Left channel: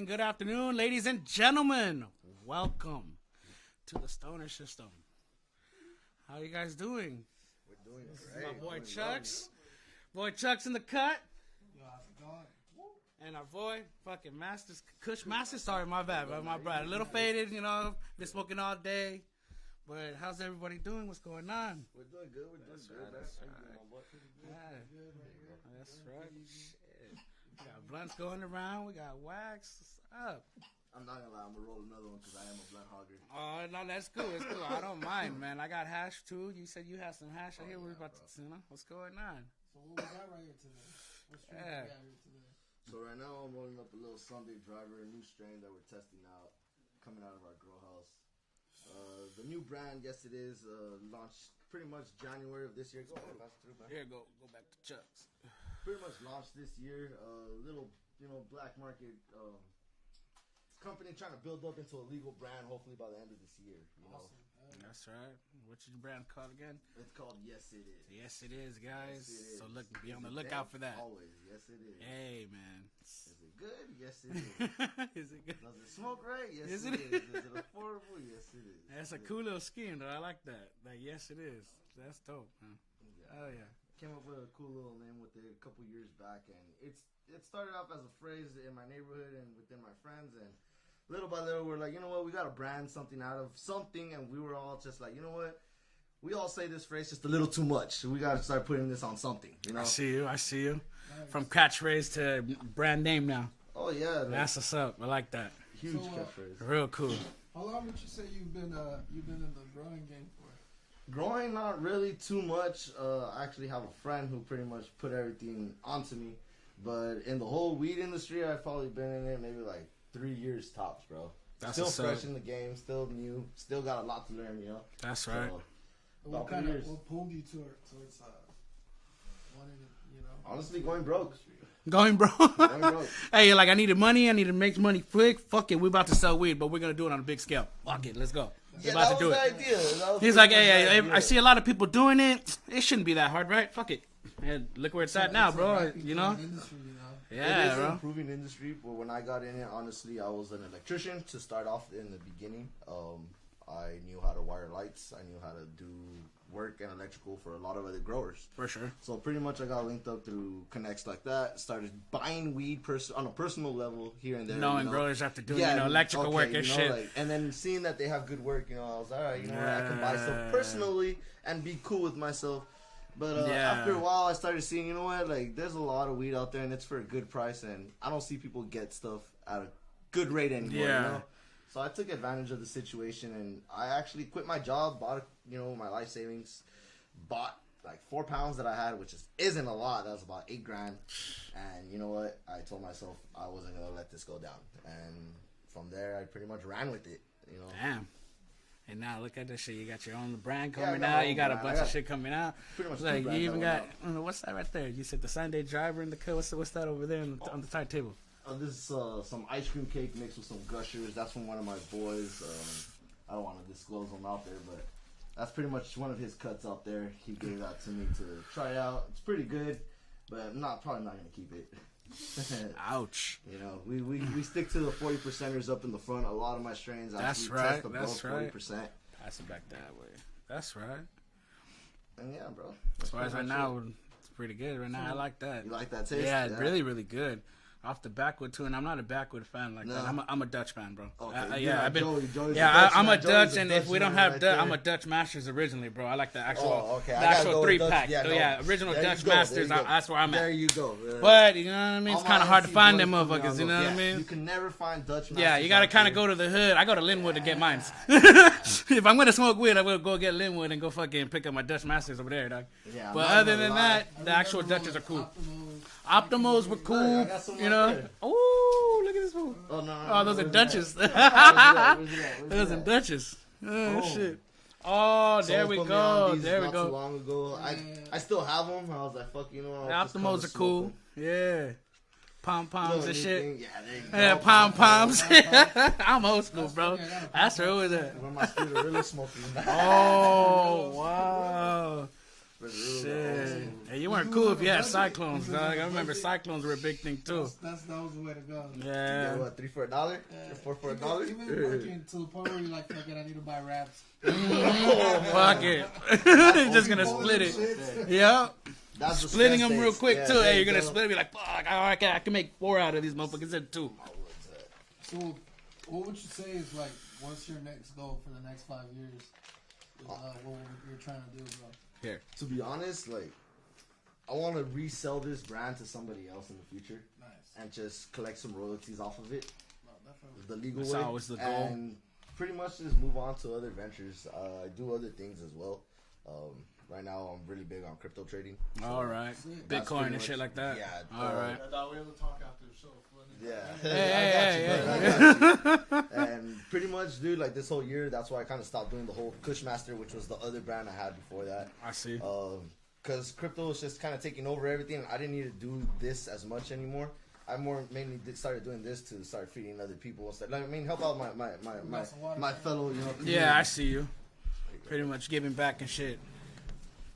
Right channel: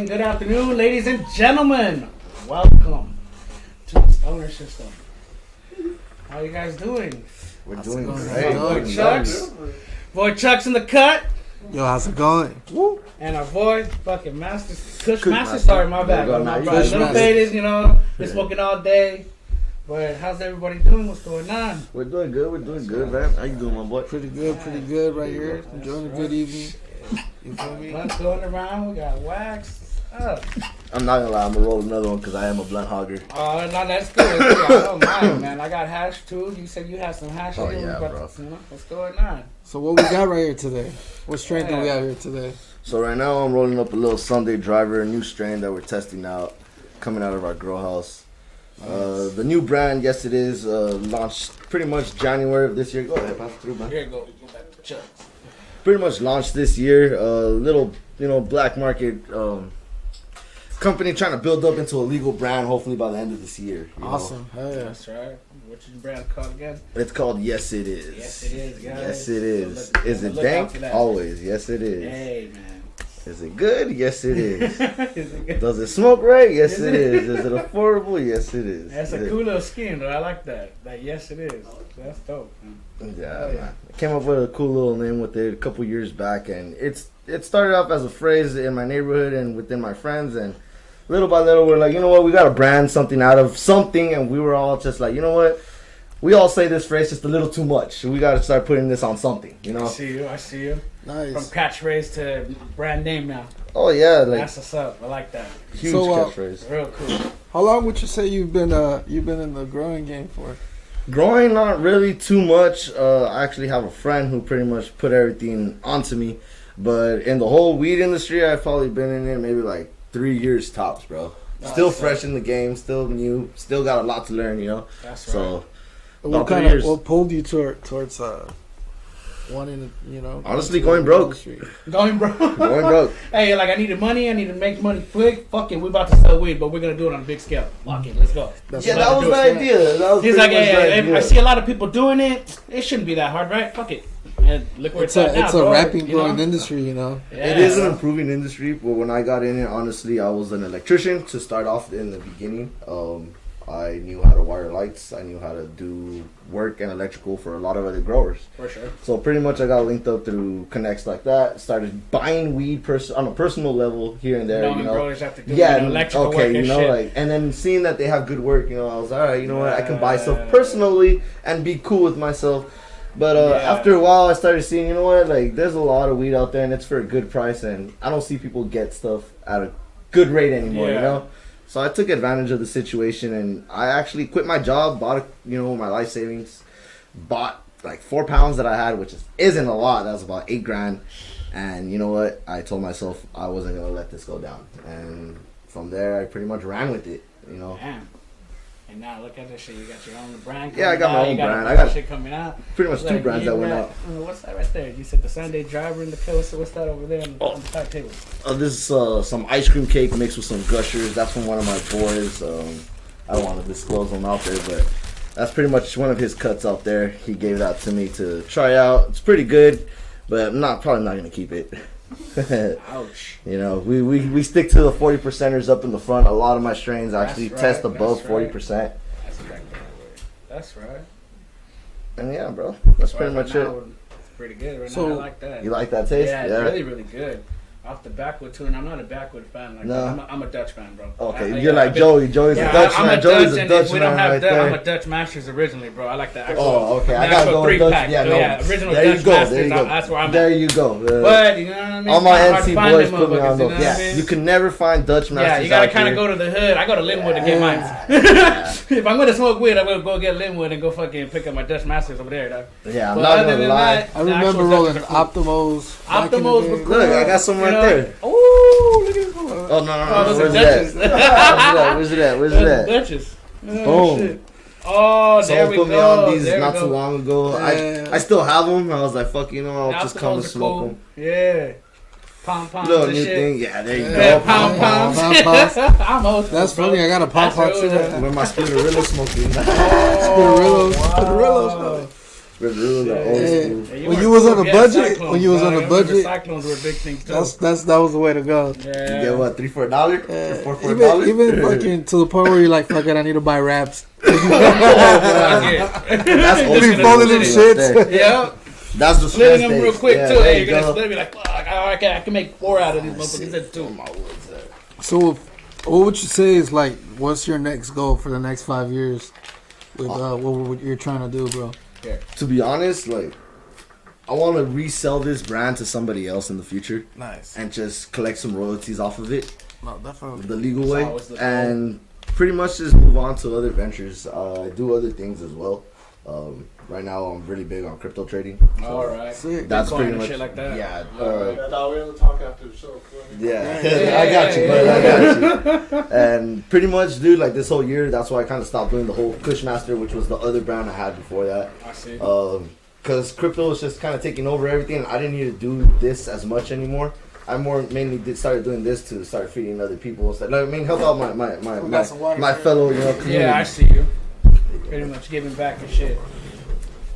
morning, good afternoon, ladies and gentlemen. Welcome to the Stoner System. How you guys doing? We're doing Hey, great. boy Chucks. Boy Chucks in the cut. Yo, how's it going? Woo. And our boy, fucking Masters. Kushmasters, sorry, my bad. There you go, My now. bad. Little Kushmasters. faded, been smoking all day. But how's everybody doing? What's going on? We're doing good, man. How you doing, my boy? Pretty good right here. Enjoying a good evening. You feel me? Blunts going around, we got wax. I'm not gonna lie, I'm gonna roll another one because I am a blunt hogger. Oh, no, that's good. I don't mind, man. I got hash too. You said you had some hash. Oh, here. yeah, We bro. What's going on? So what we got right here today? What strain do we got here today? So right now I'm rolling up a little Sunday Driver, a new strain that we're testing out, coming out of our grow house. The new brand, yes it is, launched pretty much January of this year. Go ahead, pass it through, man. Here you go. Go back to Chuck. Pretty much launched this year. Little, black market company trying to build up into a legal brand. Hopefully by the end of this year. you know. Awesome. Hell yeah. That's right. What's your brand called again? It's called Yes It Is. Yes, it is, guys. Yes it is. So Is it look out dank? for that. Always. Yes it is. Hey, man. Is it good? Yes it is. Is it good? Does it smoke right? Yes Is it it? is. Is it affordable? Yes it is. That's a cool little scheme, though. I like that. Like, yes, it is. That's dope, man. Yeah, Oh, yeah. man. I came up with a cool little name with it a couple years back, and it started off as a phrase in my neighborhood and within my friends, and little by little we're like, you know what, we got to brand something out of something, and we were all just like, you know what, we all say this phrase just a little too much. We got to start putting this on something, I see you. Nice. From catchphrase to brand name now. Oh yeah, like That's what's up. I like that. huge So, catchphrase. Real cool. How long would you say you've been in the growing game for? Growing, not really too much. I actually have a friend who pretty much put everything onto me. But in the whole weed industry, I've probably been in it maybe like 3 years tops, bro. Still Awesome. fresh in the game, still new, still got a lot to learn, That's right. So, What About 3 years. what pulled you towards wanting to, Honestly, into going the broke. industry? Going broke. going broke. Hey, like I needed money. I need to make money quick. Fuck it, we about to sell weed, but we're gonna do it on a big scale. Fuck it, let's go. That's Yeah, what that I was do. the idea. That was He's pretty like, much the hey, idea. I see a lot of people doing it. It shouldn't be that hard, right? Fuck it. And look where it's at now, It's bro. a rapid You growing know? industry, Yeah, It is an bro. improving industry, but when I got in it, honestly, I was an electrician to start off in the beginning. I knew how to wire lights. I knew how to do work and electrical for a lot of other growers. For sure. So pretty much I got linked up through connects like that. Started buying weed on a personal level here and there. Knowing growers have to do Yeah, electrical okay, work and shit. like, and then seeing that they have good work, I was all right. You know what? I can buy stuff Yeah. personally and be cool with myself. But Yeah. after a while, I started seeing, you know what? Like, there's a lot of weed out there, and it's for a good price, and I don't see people get stuff at a good rate anymore. Yeah. So I took advantage of the situation, and I actually quit my job, bought my life savings, bought like 4 pounds that I had, which isn't a lot. That was about $8,000. And you know what? I told myself I wasn't gonna let this go down, and from there I pretty much ran with it. Damn. And now look at this shit. You got your own brand. Yeah, I got my own You got brand. a I bunch of got shit coming out. pretty much 2 Like, brands you that went got- out. What's that right there? You said the Sunday Driver in the kill. What's that over there on the side table? This is some ice cream cake mixed with some gushers. That's from one of my boys. I don't want to disclose them out there, but that's pretty much one of his cuts out there. He gave that to me to try out. It's pretty good, but probably not gonna keep it. Ouch. We stick to the 40%ers up in the front. A lot of my strains actually That's test right, above that's 40%. That's exactly that way. That's right. And yeah, bro, that's pretty much it. It's pretty good right So- now. I like that. You like that taste? Yeah, it's really, really good. Off the backwood too, and I'm not a backwood fan like No. that. I'm a Dutch fan, bro. Okay, I- you're yeah, like I've been- Joey. Joey's a Yeah, Dutch I'm man. a Joey's Dutch, a and Dutch if we man don't have right Dutch, there. I'm a Dutch Masters originally, bro. I like the actual. Oh, okay. I the gotta actual go with Dutch. 3-pack. Yeah, So, no. yeah, original There you Dutch go. There Masters. you go. That's where I'm There at. you go. But you know what I mean? All It's my kind of hard to NC find boys them put me on motherfuckers. You know those. what I Yeah, mean? you can never find Dutch Masters. Yeah, you gotta out kind of here. go to the hood. I go to Linwood to get mine. If I'm gonna smoke weed, I'm gonna go get Linwood and go fucking pick up my Dutch Masters over there, dog. Yeah, I'm But not other gonna than lie. that, I the remember actual rolling Dutchers are cool. Optimos. back in the Optimos day. were cool. Look, I got some You right know? there. Ooh, look at this one. Oh, no. Oh, those are Where's Dutchess. that? Where's it at? Where's Those it are at? Dutchess. Oh, Boom. shit. Oh, there Someone we put me go. on these There we not go. too long ago. Yeah. I still have them. I was like, fuck, I'll The just come Optimos to are smoke cool. them. Yeah. Pom poms Little and new shit. thing. Yeah, there you Yeah, go. pom poms. Pom-poms. I'm old school, That's bro. funny. I got a pom That's pom what it too. was. Where my Spinnerilla smoking. Spinnerillos. Wow. Spinnerillos. Red Rule, the old Yeah. school. Hey, When were you was on cool. a Yeah, budget, Cyclones, when you was dog. on a I remember budget, Cyclones were a big thing too. that was the way to go. You Yeah. get what, 3 for $1? Yeah. 4 for $1? Even fucking to the point where you're like, fuck it, I need to buy wraps. Fuck it. That's old Be school folding them right shits. there. Yeah. That's the Splitting stress them real days. quick Yeah, too. there Hey, you you're gonna go. split it, be like, fuck, I can make 4 out of these motherfuckers. Instead 2. So, what would you say is like, what's your next goal for the next 5 years with what you're trying to do, bro? To be honest, like, I want to resell this brand to somebody else in the future Nice. and just collect some royalties off of it No, definitely. the legal That's way always the goal. and pretty much just move on to other ventures. I do other things as well. Right now, I'm really big on crypto trading. So All right. Sick. that's Bitcoin pretty and much shit like that. Yeah, Alright. I thought we were gonna talk after the show. yeah. Yeah, I got you, yeah, bud. I got you. And pretty much, dude, like this whole year, that's why I kind of stopped doing the whole Kushmaster, which was the other brand I had before that. I see. Because crypto was just kind of taking over everything. I didn't need to do this as much anymore. I started doing this to start feeding other people. So, like, I mean, help out We got some water my for you. fellow, you know, community. Yeah, I see you. Pretty much giving back and shit.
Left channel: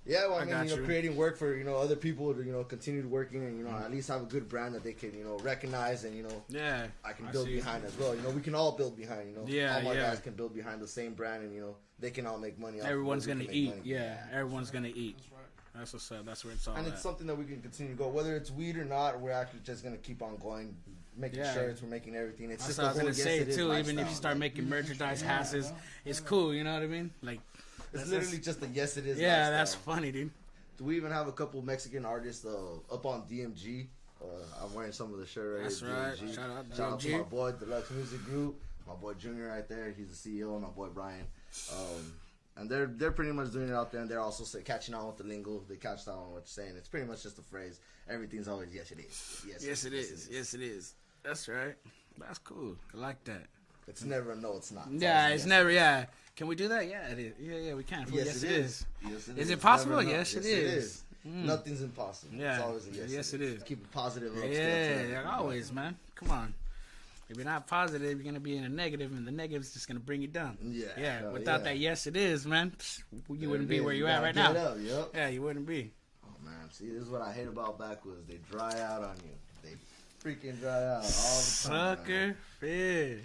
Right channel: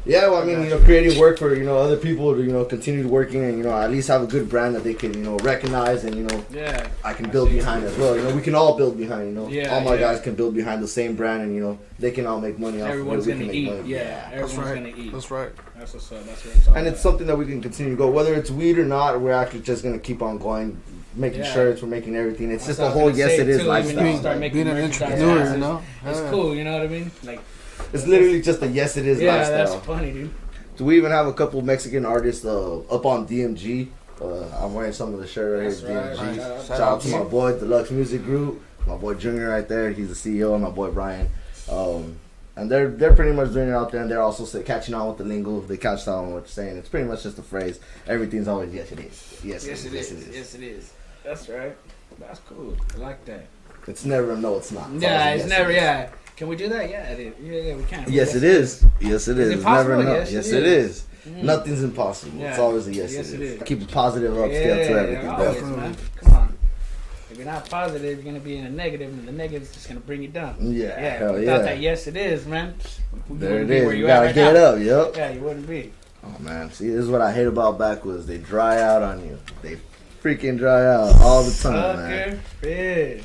Yeah, well, I mean, creating work for, other people to, continue working and, at least have a good brand that they can, recognize and, Yeah. I can build behind as well. We can all build behind, Yeah, all my yeah. guys can build behind the same brand and, they can all make money off Everyone's of it. We gonna can make eat. money. Yeah. Everyone's right. gonna eat. That's right. That's what's up. That's what it's all And it's about. something that we can continue to go. Whether it's weed or not, we're actually just going to keep on going, making Yeah. shirts, we're making everything. It's That's just the what I was whole gonna yes say, it is too, even if you lifestyle. start making Being an merchandise, entrepreneur, it's- you know? It's Yeah. cool, you know what I mean? Like, It's literally just a yes it is yeah, lifestyle. that's funny, dude. So we even have a couple Mexican artists up on DMG. I'm wearing some of the shirt right That's here, right. DMG. Shout Shout out to my boy, Deluxe Music Group. My boy Junior right there, he's the CEO, and my boy Brian. And they're pretty much doing it out there, and they're also catching on with the lingo. They catch on with what you're saying. It's pretty much just a phrase. Everything's always yes it is. Yes, Yes, it is. Yes, it is. That's right. That's cool. I like that. It's never a no, it's not. Yeah, always a it's yes, never. it is. Yeah. Can we do that? Yeah, it is. Yeah, we can. Yes, it is. Yes, it is. it It's possible? never a no. Yes, Yes, it it is. is. Nothing's impossible. It's Yeah. always a yes, Yes, it it is. is. Keep a positive upscale Yeah, to everything. always, definitely. man. Come on. If you're not positive, you're gonna be in a negative, and the negative is just gonna bring you down. Yeah, Yeah. hell Without yeah. that, yes, it is, man. You There wouldn't it be is. where You you at gotta right get now. up, yep. Yeah, you wouldn't be. Oh man, see, this is what I hate about backwoods. They dry out on you. They freaking dry out all the time, man. Sucker fish.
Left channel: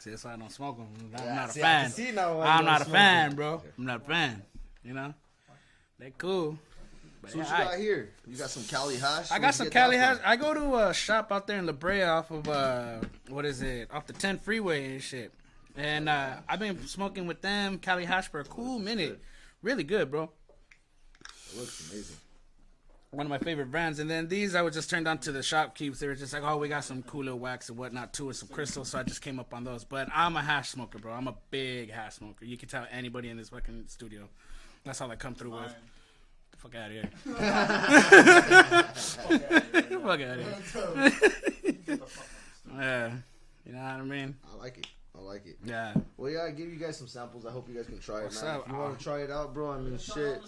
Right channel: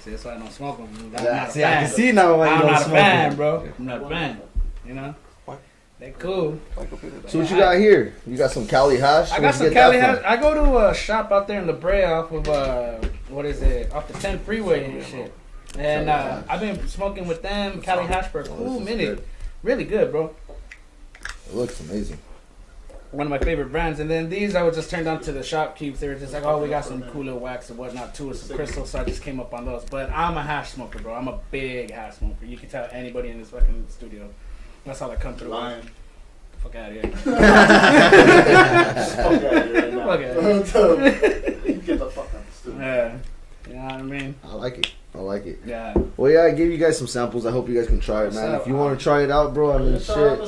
See, that's why I don't smoke them. I'm not a See, I fan. can see now why you I'm don't not a smoke fan, them. bro. I'm not a fan. You know? What? They cool. So what you got here? You got some Cali hash? I Where'd got you some get that Cali from? hash. I go to a shop out there in La Brea off of what is it? Off the 10 freeway and shit. And I've been smoking with them Cali hash for a cool minute. Really good, bro. It looks amazing. One of my favorite brands. And then these I was just turned on to the shopkeepers. They were just like, oh, we got some cool little wax and whatnot too, with some crystals. So I just came up on those. But I'm a hash smoker, bro. I'm a big hash smoker. You can tell anybody in this fucking studio. That's how I come through. Lying. Fuck out of here. Fuck Fuck out of here. Get the fuck out of the Yeah. You know what I mean? I like it. I like it. Yeah. Well, yeah, I gave you guys some samples. I hope you guys can try it, What's man. up? If you want to try it out, bro, I mean, shit.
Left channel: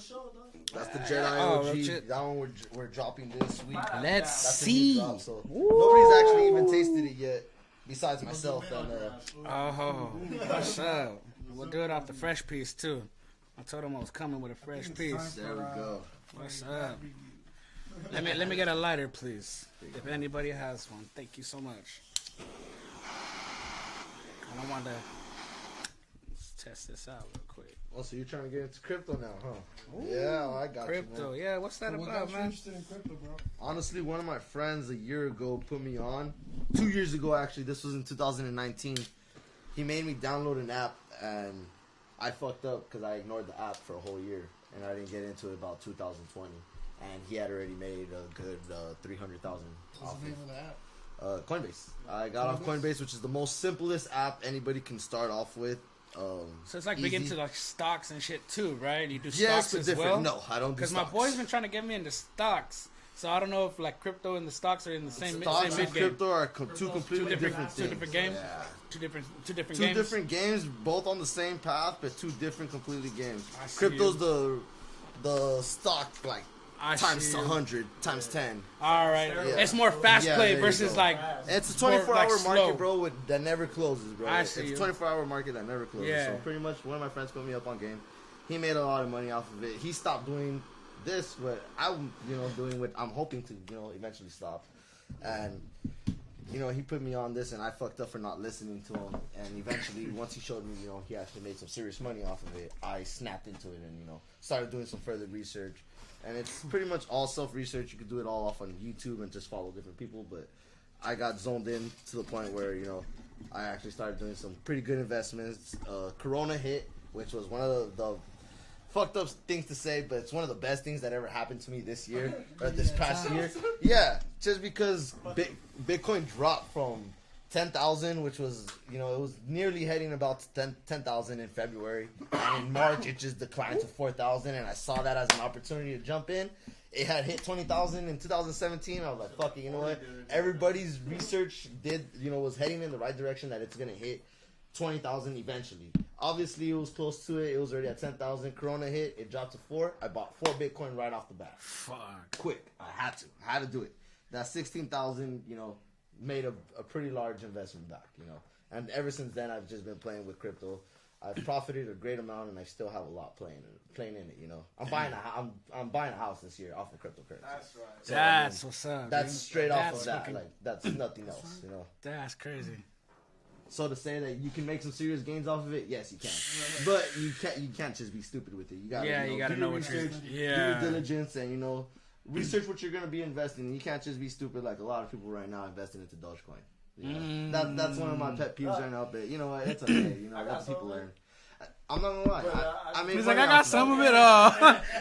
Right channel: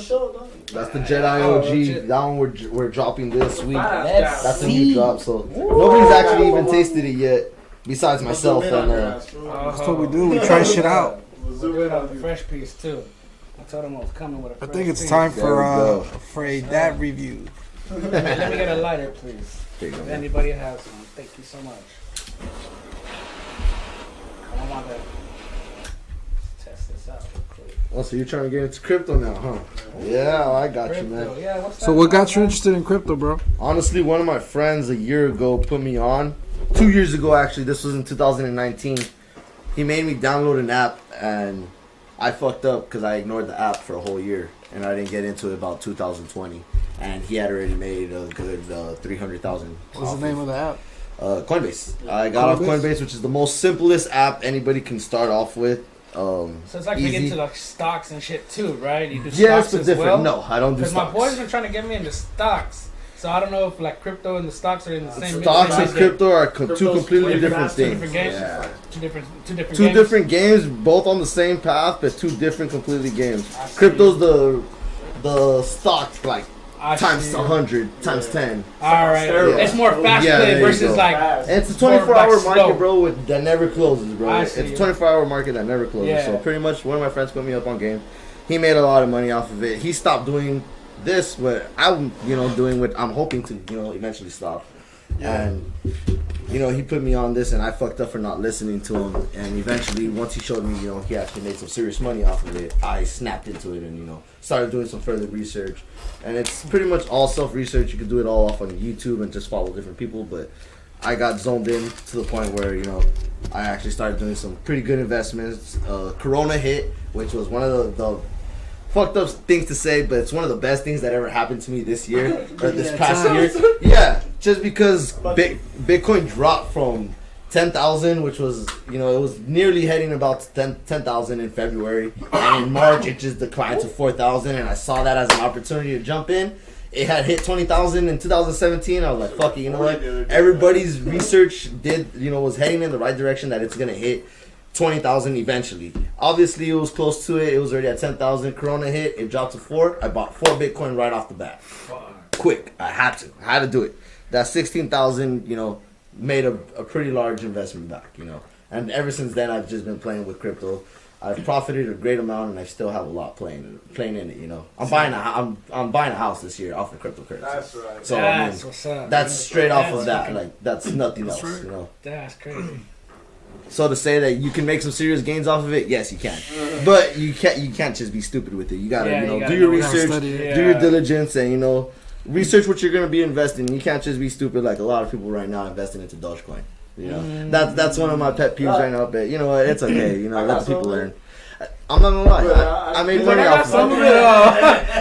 That's the Jedi Oh, OG. shit. That one we're dropping this week. Let's That's a see. new drop, so nobody's actually even tasted it yet, besides myself and That's what we do. We try shit out. We'll do it off the fresh piece too. I told him I was coming with a I fresh think it's piece. time There we go. for a dad review. Let me get a lighter, please. There you go, If man. anybody has one, thank you so much. I don't want to test this out real quick. Oh, so you're trying to get into crypto now, huh? Yeah, I got you, man. Crypto, yeah. What's that? So what got you man? interested in crypto, bro? Honestly, one of my friends a year ago put me on. 2 years ago, actually. This was in 2019. He made me download an app, and I fucked up because I ignored the app for a whole year, and I didn't get into it about 2020. And he had already made a good 300,000. What's the name of the app? Coinbase. I got off Coinbase? Coinbase, which is the most simplest app anybody can start off with. So it's like big easy. into like stocks and shit too, right? You do Yes, stocks but as different. well. No, I don't do Because my stocks. boys been trying to get me into stocks. So I don't know if like crypto and the stocks are in the same. Stocks same and game. crypto are two Crypto's completely two different different things. games? Yeah. Two different Two games. different games, both on the same path, but two different completely games. I see. Crypto's the stock, like times see. 100, times 10. All right, Steroids. it's more fast Yeah, play there you versus go. like. Fast. And it's a More 24-hour like market, slow. bro, that never closes, bro. I It's see. a 24-hour market that never closes. Yeah. So pretty much, one of my friends put me up on game. He made a lot of money off of it. He stopped doing this, but I'm, doing what I'm hoping to, eventually stop. And, he put me on this, and I fucked up for not listening to him. And eventually, once he showed me, he actually made some serious money off of it, I snapped into it and, started doing some further research. And it's pretty much all self-research. You can do it all off on YouTube and just follow different people. But I got zoned in to the point where, I actually started doing some pretty good investments. Corona hit, which was one of the fucked up things to say, but it's one of the best things that ever happened to me this year, or this past year. Yeah, just because Bitcoin dropped from 10,000, which was, it was nearly heading about 10,000 in February, and in March it just declined to 4,000, and I saw that as an opportunity to jump in. It had hit 20,000 in 2017. I was like, fuck it, you know what? Everybody's research was heading in the right direction that it's gonna hit 20,000 eventually. Obviously, it was close to it. It was already at 10,000. Corona hit. It dropped to 4. I bought 4 Bitcoin right off the bat. Quick. I had to do it. That 16,000, made a pretty large investment back, And ever since then, I've just been playing with crypto. I've profited a great amount, and I still have a lot playing in it. I'm buying a house this year off of cryptocurrency. That's right. So That's what's up. that's man. straight off That's of that. fucking- Like that's nothing else. right. That's crazy. So to say that you can make some serious gains off of it, yes, you can. But you can't just be stupid with it. You gotta, Yeah, you gotta do your know what you're research, studying. do your Yeah. diligence, and research what you're gonna be investing. You can't just be stupid like a lot of people right now investing into Dogecoin. That's one of my pet peeves right now. But you know what? It's okay. Let people learn. I'm not gonna lie. I made He's like, money I got off some of of it.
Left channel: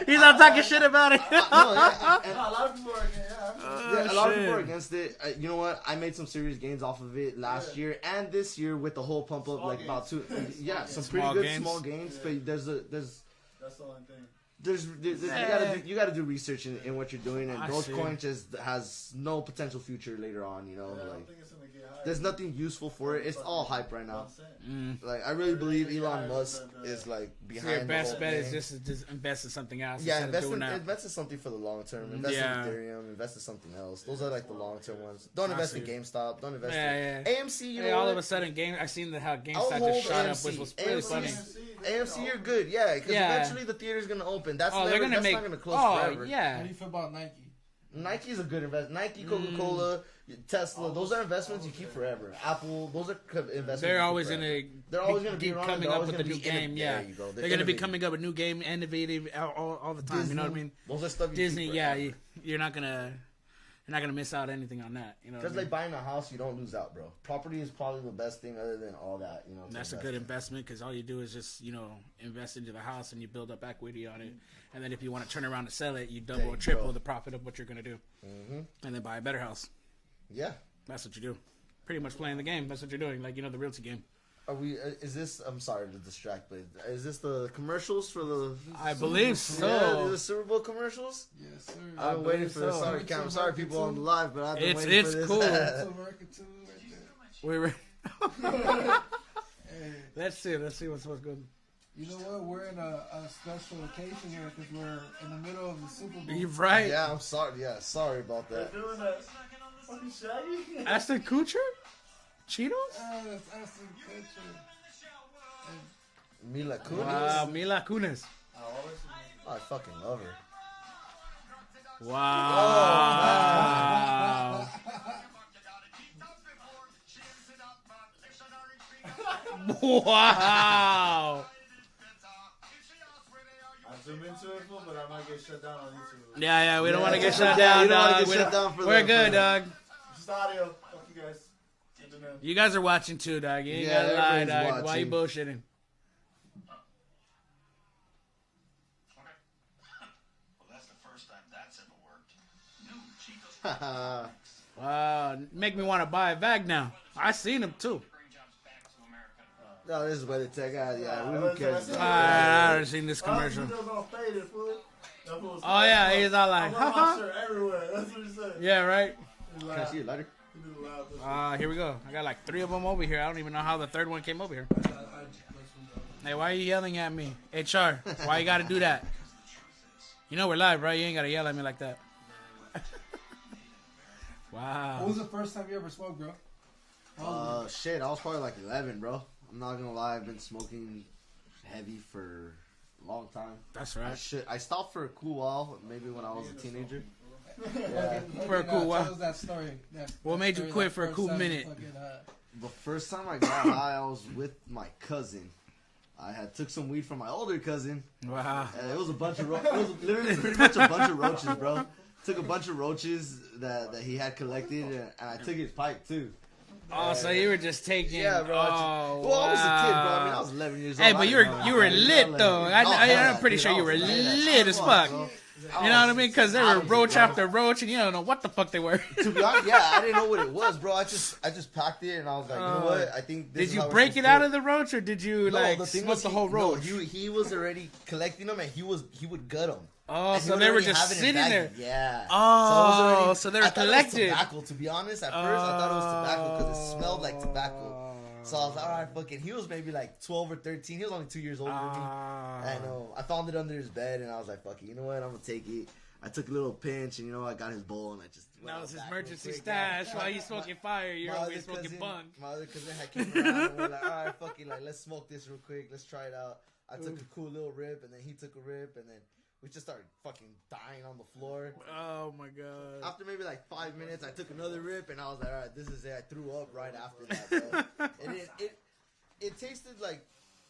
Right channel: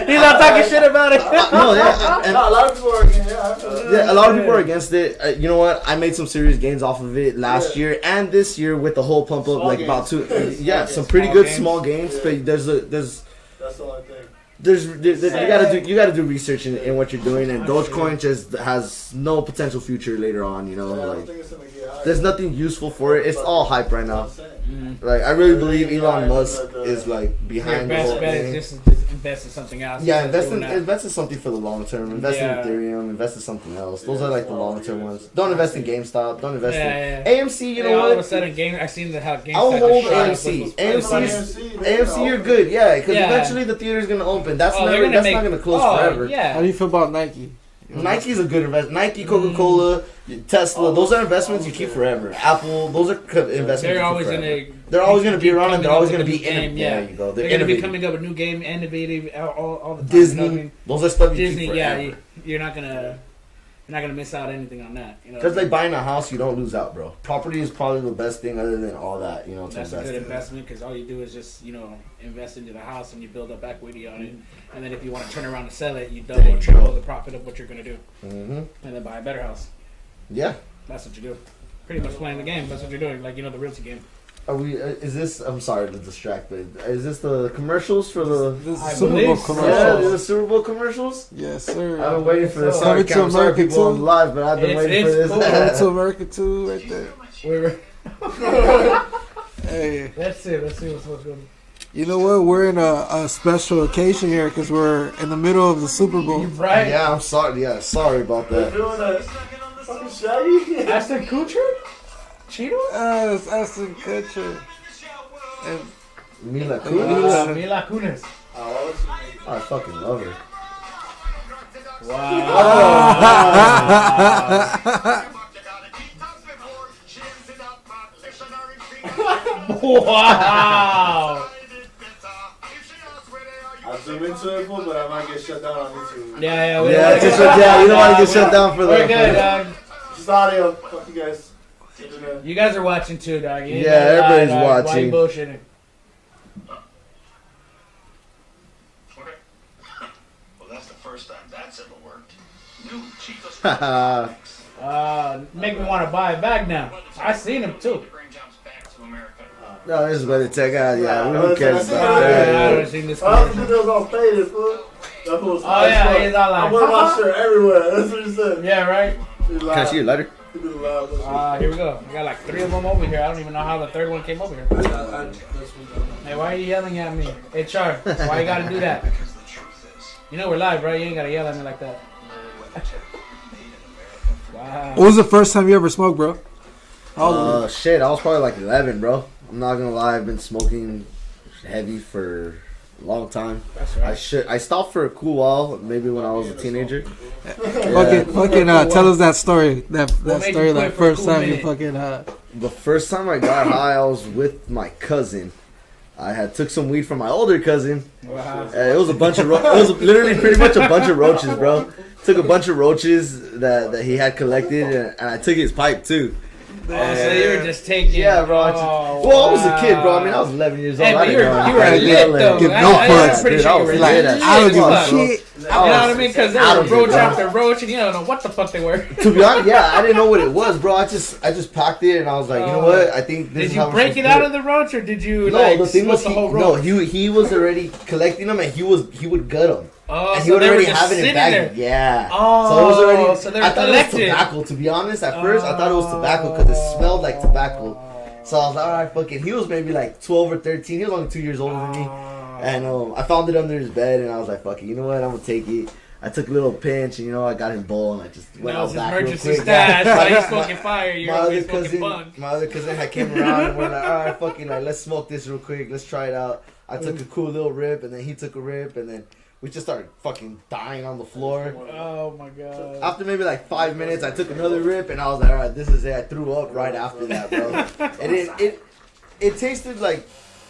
it. He's not talking shit about it. No, yeah, and No, a lot of people are against it. yeah, a lot of people are against it. You know what? I made some serious gains off of it last year and this year with the whole pump up, Small like about gains. 2. Yeah, some Small pretty good gains. small gains. Yeah. But there's That's the only thing. you gotta do research in what you're doing, and Dogecoin just has no potential future later on. I don't Like think it's gonna get higher. there's nothing useful for it. It's all hype right now. That's what I'm saying. Like I really believe Elon Musk is like Your behind the whole best bet thing. is just invest in something else. Yeah, instead of invest in something for the long term. Invest Yeah. in Ethereum. Invest in something else. Those Yeah, are like the small long term years. ones. Don't invest in GameStop. Don't invest Yeah, in AMC. You Yeah, know all of a what? sudden, I seen how I'll GameStop hold just shot up. AMC. Was AMC, you're good. Yeah, because Yeah. eventually the theater's gonna open. That's Oh, they're never. gonna That's make. not gonna close Oh, forever. How yeah. do you feel about Nike? Nike's a good investment. Nike, Coca-Cola, Tesla. Those are investments you keep forever. Apple. Those are investments. you They're keep always forever. gonna. They're always gonna be around, and they're always coming gonna up be with a new in. game, Yeah, yeah. there you go. They're gonna be innovative. coming up with new game, innovative all the time. Disney. You know what I mean? Those are stuff you Disney, keep yeah. forever. You're not gonna miss out anything on that. You know. Just like buying a house, you don't lose out, bro. Property is probably the best thing other than all that, to That's a invest good in. investment because all you do is just invest into the house and you build up equity on it, and then if you want to turn around and sell it, you double There or you triple go. the profit of what you're gonna do, Mm-hmm. and then buy a better house. Yeah. That's what you do. Pretty much playing the game. That's what you're doing. Like the realty game. Are we? Is this? I'm sorry to distract, but is this the commercials for the? This is I Super Bowl believe so. Yeah, commercial. the Super Bowl commercials. Yes, sir. I've been waiting for this. So- Sorry, Coming to Cam, sorry America people on too. live, but I've been It's- waiting for it's this. cool. Coming to America too, right there. We were. Hey, Let's see what's going on. you know what? We're in a special occasion here because we're in the middle of the Super Bowl. You right? Yeah, I'm sorry. Yeah, sorry about They're that. doing that fucking Shaggy. Ashton Kutcher? Cheetos? It's Ashton Kutcher. And Mila Mila. Kunis. Mila Kunis. I fucking love her. Wow. Wow. I'll zoom into it, but I might get shut down on YouTube. Yeah, we don't Yeah, want to get just, shut yeah, down. you don't want to dog. get shut down for We're that. good, dog. Just audio. Fuck you guys. Internet. You guys are watching too, dog. You ain't Yeah, gonna lie, everybody's dog. Why watching. you bullshitting? Okay. Well, that's the first time that's ever worked. New Cheetos. Haha. Make me want to buy a bag now. I seen him too. Bring jobs back to America. No, this is what it take out. Yeah, Yeah, who cares that's- about I that? haven't seen this I commercial. was all faded, fool. That fool was Oh, high as yeah, fuck. he's all like, I wear my shirt everywhere. That's what he said. Yeah, right? He Can I lied. see your letter? He did loud. Here we go. We got like 3 of them over here. I don't even know how the third one came over here. Hey, why are you yelling at me? HR, why you gotta do that? Because the truth is, You know we're live, right? You ain't gotta yell at me like that. Wow. What was the first time you ever smoked, bro? How old were you? Shit, I was probably like 11, bro. I'm not gonna lie, I've been smoking heavy for a long time. That's right. I stopped for a cool while, maybe when I was a teenager. Fucking tell us that story. That made story, you that quit for a first cool time you minute? fucking The first time I got high, I was with my cousin. I had took some weed from my older cousin. Wow. It was a bunch of it was literally pretty much a bunch of roaches, bro. Took a bunch of roaches that he had collected, and I took his pipe too. Oh, so you were just taking. Yeah, bro. I was a kid, bro. I mean, I wow. was 11 years old. Hey, I but you didn't know. were I lit didn't though. Give I'm no fucks, pretty dude. sure I you were was lit. lit. I don't give a Fuck. shit. You know what I mean? Because there I were was roach lit, after roach, and you don't know what the fuck they were. To be honest, yeah, I didn't know what it was, bro. I just packed it, and I was like, you know what? I think this Did is you how break we it should out do of the roach, or did you No, like the thing smoke was the whole no, roach? he was already collecting them, and he would gut them. Oh, And he so would they were already just have it in sitting bags. there. Yeah. Oh, so it was already. so they were I thought it was collected. tobacco. To be honest, at first I thought it was tobacco because it smelled like tobacco. So I was like, all right, fuck it. He was maybe like 12 or 13. He was only 2 years older than me. And I found it under his bed, and I was like, fuck it. You know what? I'm gonna take it. I took a little pinch, and I got his bowl, and I just went That out was his back real emergency quick. stash. Yeah. While you smoking fire, you're my always other smoking cousin, bunk. my other cousin had came around, and we're like, all right, fucking, like, let's smoke this real quick. Let's try it out. I took a cool little rip, and then he took a rip, and then we just started fucking dying on the floor. Oh my god. After maybe like 5 minutes, I took another rip, and I was like, all right, this is it. I threw up right after that, bro. And it tasted like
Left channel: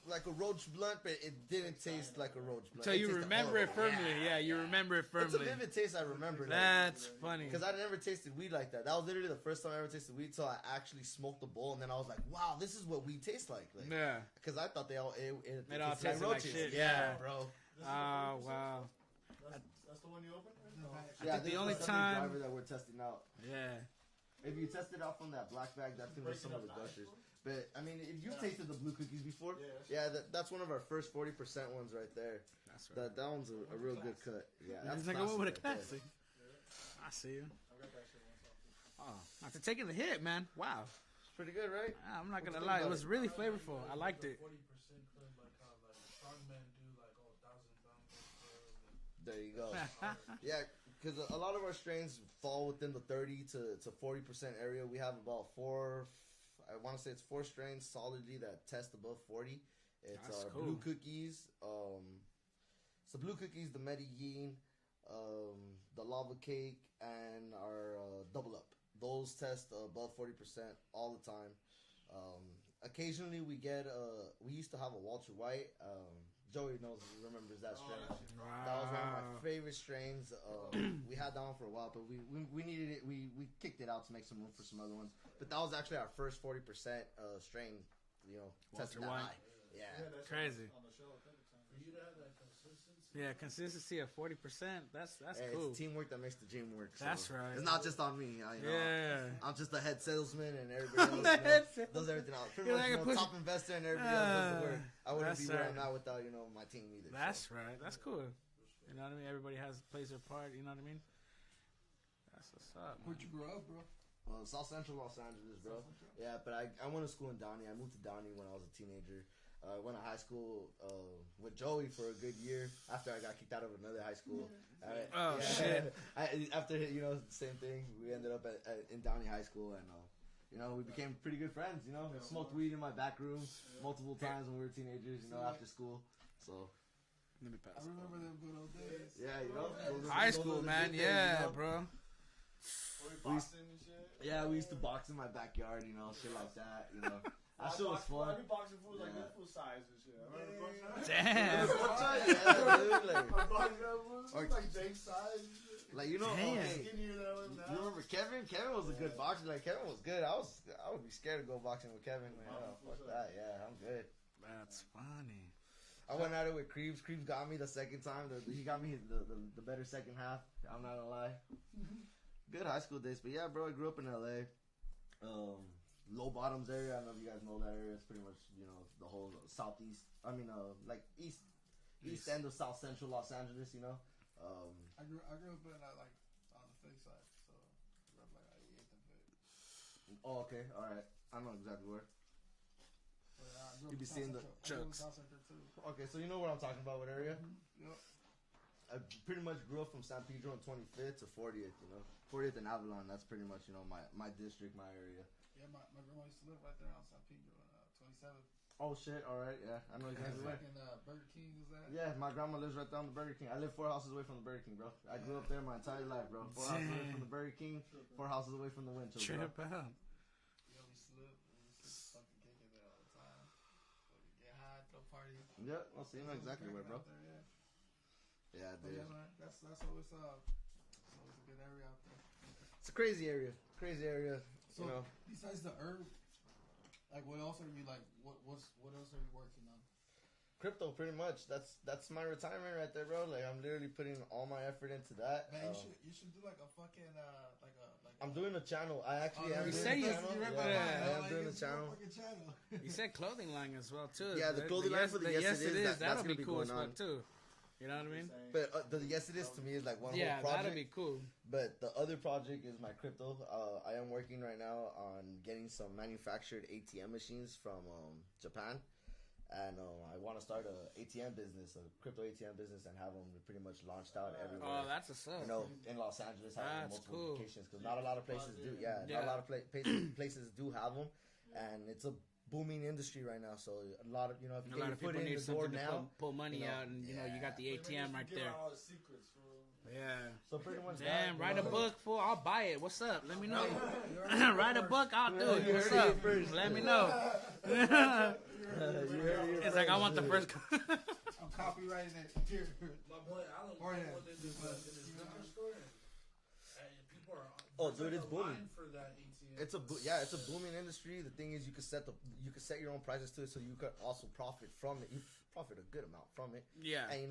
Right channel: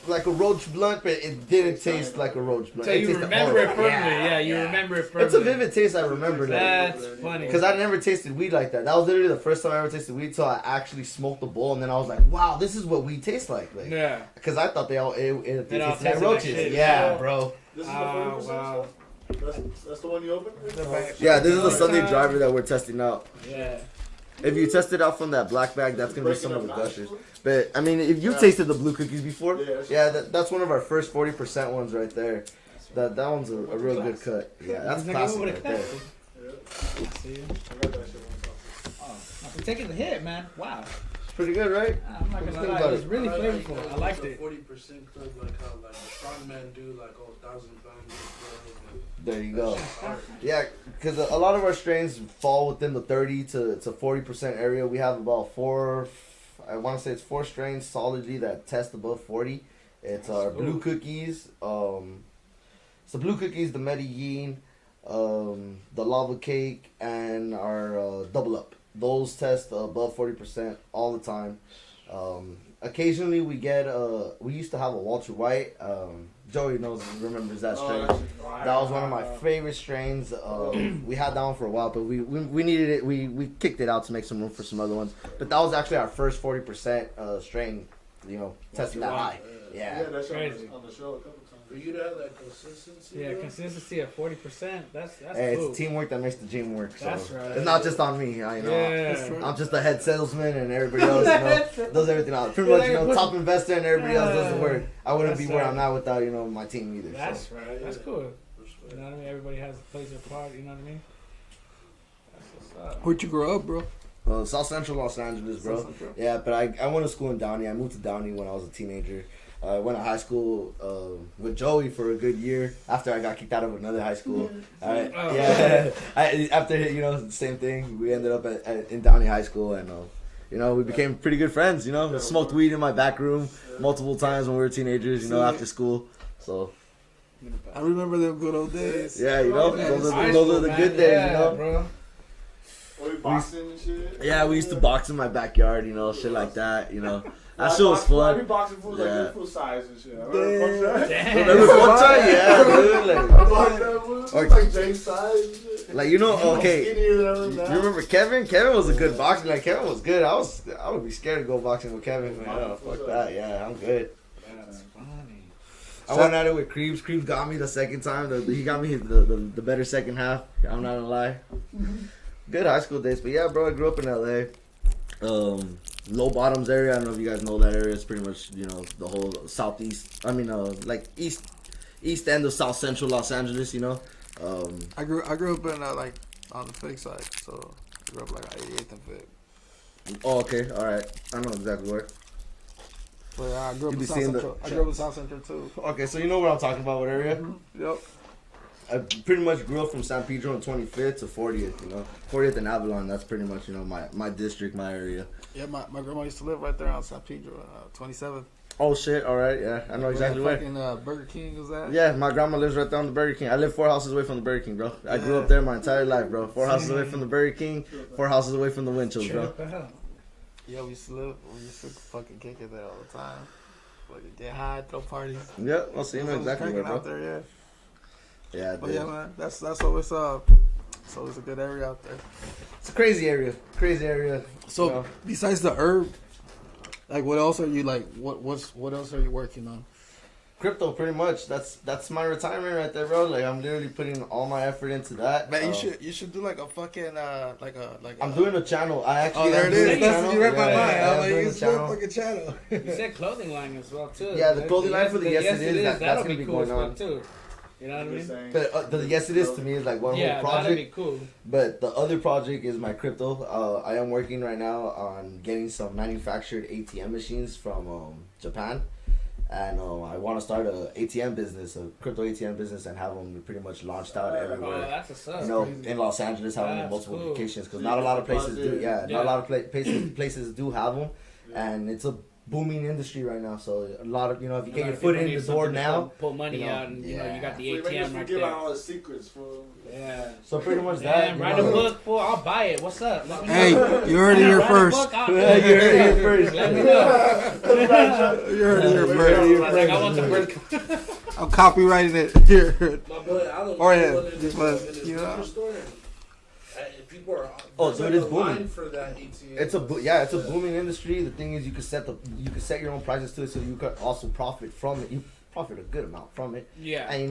a roach blunt, but it didn't taste like a roach blunt. So It you tasted remember it horrible. firmly. Yeah, you remember it firmly. It's a vivid taste. I remember that. That's funny. Because I never tasted weed like that. That was literally the first time I ever tasted weed. So I actually smoked the bowl, and then I was like, "Wow, this is what weed tastes like." Yeah. Because I thought they all It all tasted like tasted like roaches. shit. Yeah, Yeah. bro. This is the Oh, 40%. wow. That's the one you opened? Yeah, this is the Oh, Sunday time. driver that we're testing out. Yeah. If you test it out from that black bag, that's gonna be some of the gushers. But I mean, if you've tasted the blue cookies before, Yeah. that's one of our first 40% ones right there. That one's a real good cut. Yeah, that's He's like, classic "What right a there. cut." See you. I got that shit one time. Oh, after taking the hit, man. Wow. It's pretty good, right? I'm not gonna lie, it was really flavorful. I liked it. 40% cook like how like the strong men do like 1,000 pounds. There you go. Yeah, because a lot of our strains fall within the 30 to 40% area. We have about I want to say it's 4 strains solidly that test above 40. It's our blue cookies. It's the blue cookies, the Medellin, the lava cake, and our double up. Those test above 40% all the time. Occasionally we get we used to have a Walter White. Joey remembers that strain. That was one of my favorite strains. We had that one for a while, but we needed it. We kicked it out to make some room for some other ones. But that was actually our first 40% strain. Tested that high. Yeah. Yeah, that's Crazy. on the show a couple times. For you to have that consistency. Yeah, bro, consistency at 40%. That's Hey, cool. it's teamwork that makes the dream work. So That's right. it's not just on me. Yeah. I'm just a head salesman, and everybody else does everything else. Pretty much, top investor, and everybody else does the work. I wouldn't be That's where right. I'm at without my team either. That's So. right. That's cool. You know what I mean? Everybody plays their part. You know what I mean? That's what's up. Where'd you grow up, bro? South Central Los Angeles, bro. South Central. Yeah, but I went to school in Downey. I moved to Downey when I was a teenager. I went to high school with Joey for a good year after I got kicked out of another high school. Alright, Oh. yeah. After same thing. We ended up in Downey High School, and we became pretty good friends. Smoked weed in my back room multiple times when we were teenagers. After school. So I remember them good old days. yeah, those High are the school, good man. days. Yeah, bro. Were we boxing and shit? Yeah, we used to box in my backyard. Shit like that. That shit was We fun. boxing fools like Yeah. this full size and shit. I remember boxing. Damn. Remember one time? Yeah, dude. I Like, boxed that fool. Or- It's like James size and shit. okay. Skinnier than I am You now. remember Kevin? Kevin was a good boxer. Like Kevin was good. I would be scared to go boxing with Kevin. Man, fuck that. Yeah, I'm good. That's funny. I went at it with Creeps. Creeps got me the second time. He got me the better second half. I'm not gonna lie. Good high school days, but yeah, bro. I grew up in LA. Low Bottoms area. I don't know if you guys know that area. It's pretty much the whole southeast. I mean, like east end of South Central Los Angeles. I grew up in like on the fake side, so I grew up like 88th and Fig. Oh, okay, all right. I know exactly where. But I grew up You in be South seeing the Central. I grew up in South Central too. Okay, so you know what I'm talking about. What area? Yep. I pretty much grew up from San Pedro and 25th to 40th. 40th and Avalon. That's pretty much my district, my area. Yeah, my grandma used to live right there on San Pedro, 27th. Oh shit! All right, yeah, I know exactly where. Fucking Burger King was that? Yeah, my grandma lives right there on the Burger King. I live 4 houses away from the Burger King, bro. I grew up there my entire life, bro. 4 houses away from the Burger King, 4 houses away from the Winchell's, bro. Yeah, we used to fucking kick it there all the time. Fucking get high, throw parties. Yeah, I'll see you exactly where, bro. Out there, yeah. Yeah, But yeah, man, that's always it's always a good area out there. it's a crazy area. So besides the herb, like what else are you like? What else are you working on? Crypto, pretty much. That's my retirement right there, bro. Like I'm literally putting all my effort into that. Man, you should do like a fucking I'm doing a channel. I actually. Oh, there it is. That's you read my mind. I'm like, doing you a should channel. fucking channel. You said clothing line as well too. Yeah, the clothing line for the Yes It Is, that's that'll gonna be be cool going as on. fuck too. You know what I mean? But the Yes It Is to me is like one whole Yeah, project. that'd be cool. But the other project is my crypto. I am working right now on getting some manufactured ATM machines from Japan. And I want to start a ATM business, a crypto ATM business, and have them pretty much launched out everywhere. Oh, that's a suck. In Los Angeles, have them in That's multiple cool. locations because not a lot of places do. Yeah, not a lot of places do have them, and it's a booming industry right now. So a lot of if you get your foot in the door now, pull money you know, out, and you got the We ATM right give there. out all the secrets, fool. Yeah. so pretty much Damn, that. write a book, fool. I'll buy it. What's up? Let me know. Hey, you heard it here Write a first. book, I'll- Yeah, you heard it here first. Let me know. You heard it here first. Like, I want the first. I'm copywriting it here. My boy, I don't Or yeah, know in but, his you know. liquor store. And people are Oh, there's dude, like it's a line booming. for that ATM. It's a booming industry. The thing is, you can set your own prices to it, so you could also profit from it. You profit a good amount from it, Yeah. and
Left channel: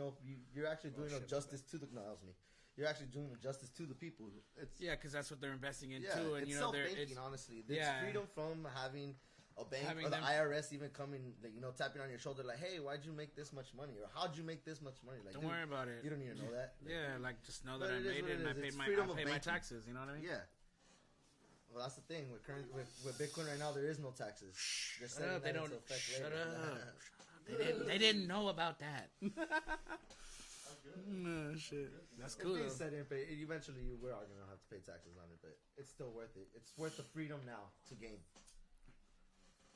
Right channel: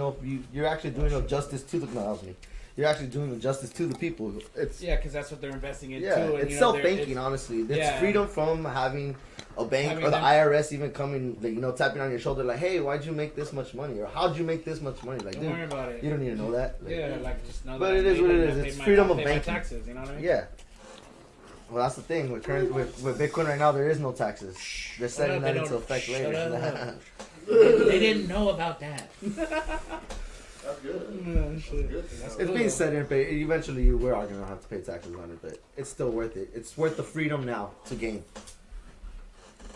you're actually doing a justice to the. No, that was me. You're actually doing the justice to the people. It's Yeah, because that's what they're investing in yeah, too. And, it's self-banking. Honestly, it's yeah. freedom from having a bank Having or the them- IRS even coming, like, tapping on your shoulder, like, hey, why'd you make this much money, or how'd you make this much money? Like, Don't dude, worry about it. you don't need to know that. Like, Yeah, like just know But that it I is what made it it, is. I It's paid freedom my, of I paid my banking. taxes. You know what I mean? Yeah. Well, that's the thing. With Bitcoin right now, there is no taxes. They're setting that into effect Shut later. up. They didn't know about that. That's good. No, shit. Good. It's being set in, but eventually we are gonna have to pay taxes on it. But it's still worth it. It's worth the freedom now to gain.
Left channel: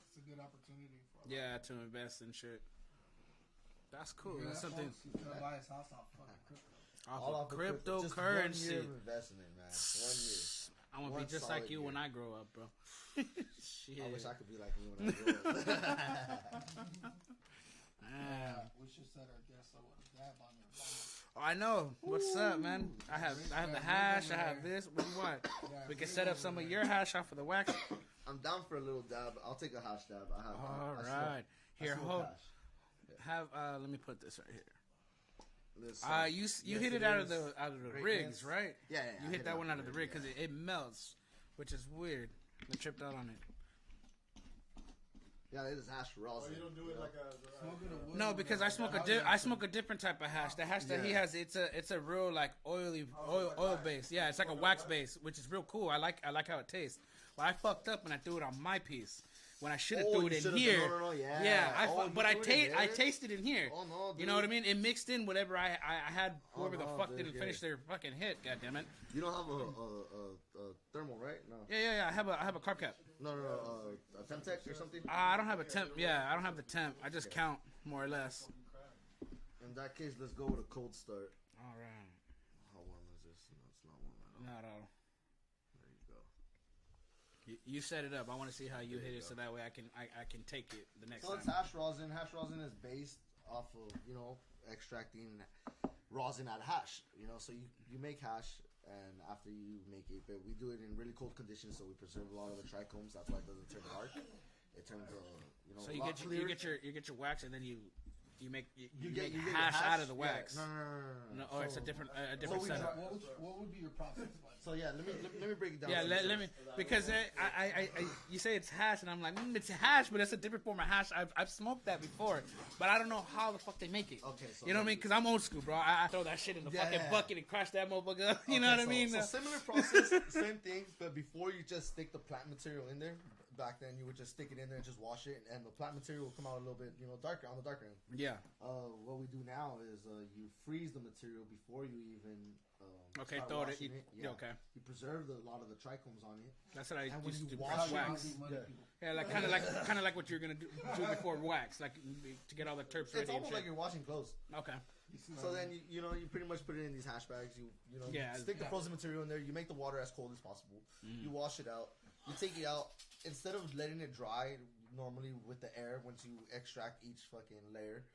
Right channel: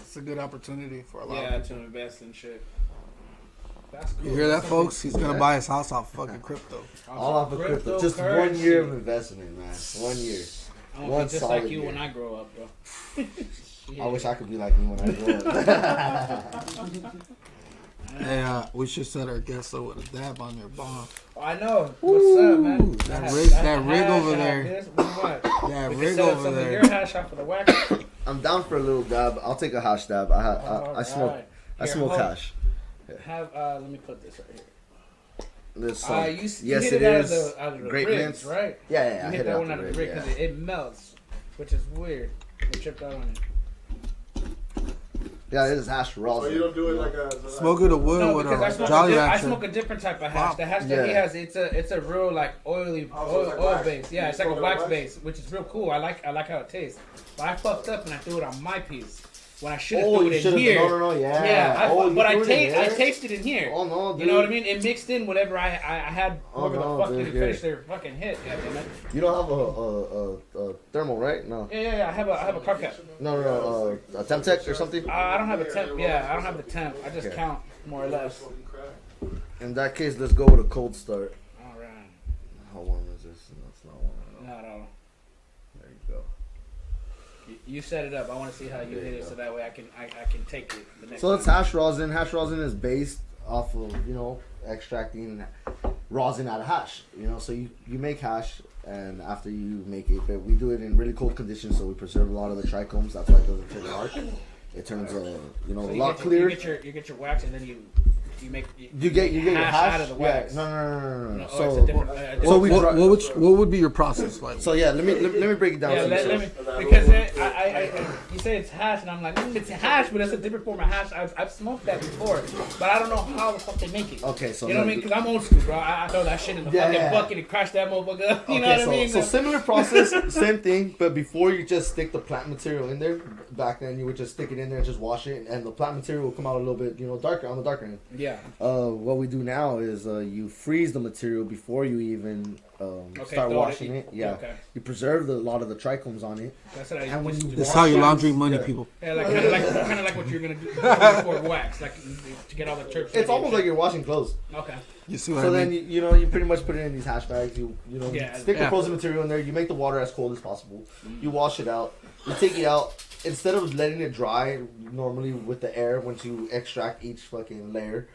It's a good opportunity for a lot Yeah, of to people. invest in shit. That's cool. You hear that, That's something- folks? He's gonna buy his house off fucking crypto. All off of crypto. Just 1 year of investment, man. 1 year. I want one to be just solid like you year. when I grow up, bro. I wish I could be like you when I grow up. Hey, we should set our guests up with a dab on your bomb. I know. What's up, man? Ooh, that rig over there. What? That We can rig set up over some of there. your hash off of the wax. I'm down for a little dab. I'll take a hash dab. I smoke. Alright. I Here, smoke hold- hash. Have let me put this right here. There's You yes, hit it it out is. of the Grape ribs, mints. right? Yeah, yeah. You I hit that it one out of the rig because yeah. it melts, which is weird. I tripped out on it. Yeah, it is hash raw. So you don't do it like a Smoke it a wood No, with because I a smoke, Jolly I Rancher. smoke a different type of hash. Wow. The hash that he Yeah. has, it's a real like oily Oh, so it's like oil wax. base. Yeah, You it's like a smoke it wax like wax? base, which is real cool. I like how it tastes. But I fucked up and I threw it on my piece when I should have Oh, threw you it in should've- here. no, yeah. Yeah, Oh, you but I threw it in there? tasted in here. Oh no, dude. You know what I mean? It mixed in whatever I had. Oh, Whoever no, the fuck dude, didn't yeah. finish their fucking hit. Goddammit. You don't have a thermal, right? No. Yeah. I have a car cap. No. A Temtec or something. I don't have a temp. Yeah, I don't have the temp. I just Okay. count more or less. smoking crack. In that case, let's go with a cold start. All right. How warm is this? That's not warm at all. Not at all. There you go. You set it up. I want to see how you There hit you it go. so that way I can take it the next So it's time. hash rosin. Hash rosin is based off of extracting rosin out of hash. So you make hash, and after you make it, but we do it in really cold conditions, so we preserve a lot of the trichomes. That's why it doesn't turn dark. It turns So a lot you clearer. get your wax and then you make You get your hash out of the wax. Yeah, no. No, So it's a different. So we what, dry- what would be your process like? So yeah, let me break it down. Yeah, for you. let me, because you say it's hash, and I'm like, it's hash, but it's a different form of hash. I've smoked that before, but I don't know how the fuck they make it. Okay, so You know what I mean? Because I'm old school, bro. I throw that shit in the Yeah, fucking yeah. bucket and crash that motherfucker up. You know Okay, what I mean? So similar process, same thing, but before you just stick the plant material in there, back then you would just stick it in there and just wash it, and the plant material will come out a little bit, darker on the darker end. Yeah. What we do now is you freeze the material before you even start washing it. Yeah. Okay. You preserve a lot of the trichomes on it. That's what I And when used you to do. That's how you laundry money, Yeah. people. Yeah, like kind of like what you're gonna do before wax, like to get all the terps. It's almost like you're washing clothes. Okay. You see what So I then mean? you pretty much put it in these hash bags. You Yeah. stick the Yeah. frozen material in there. You make the water as cold as possible. You wash it out. You take it out. Instead of letting it dry normally with the air, once you extract each fucking layer,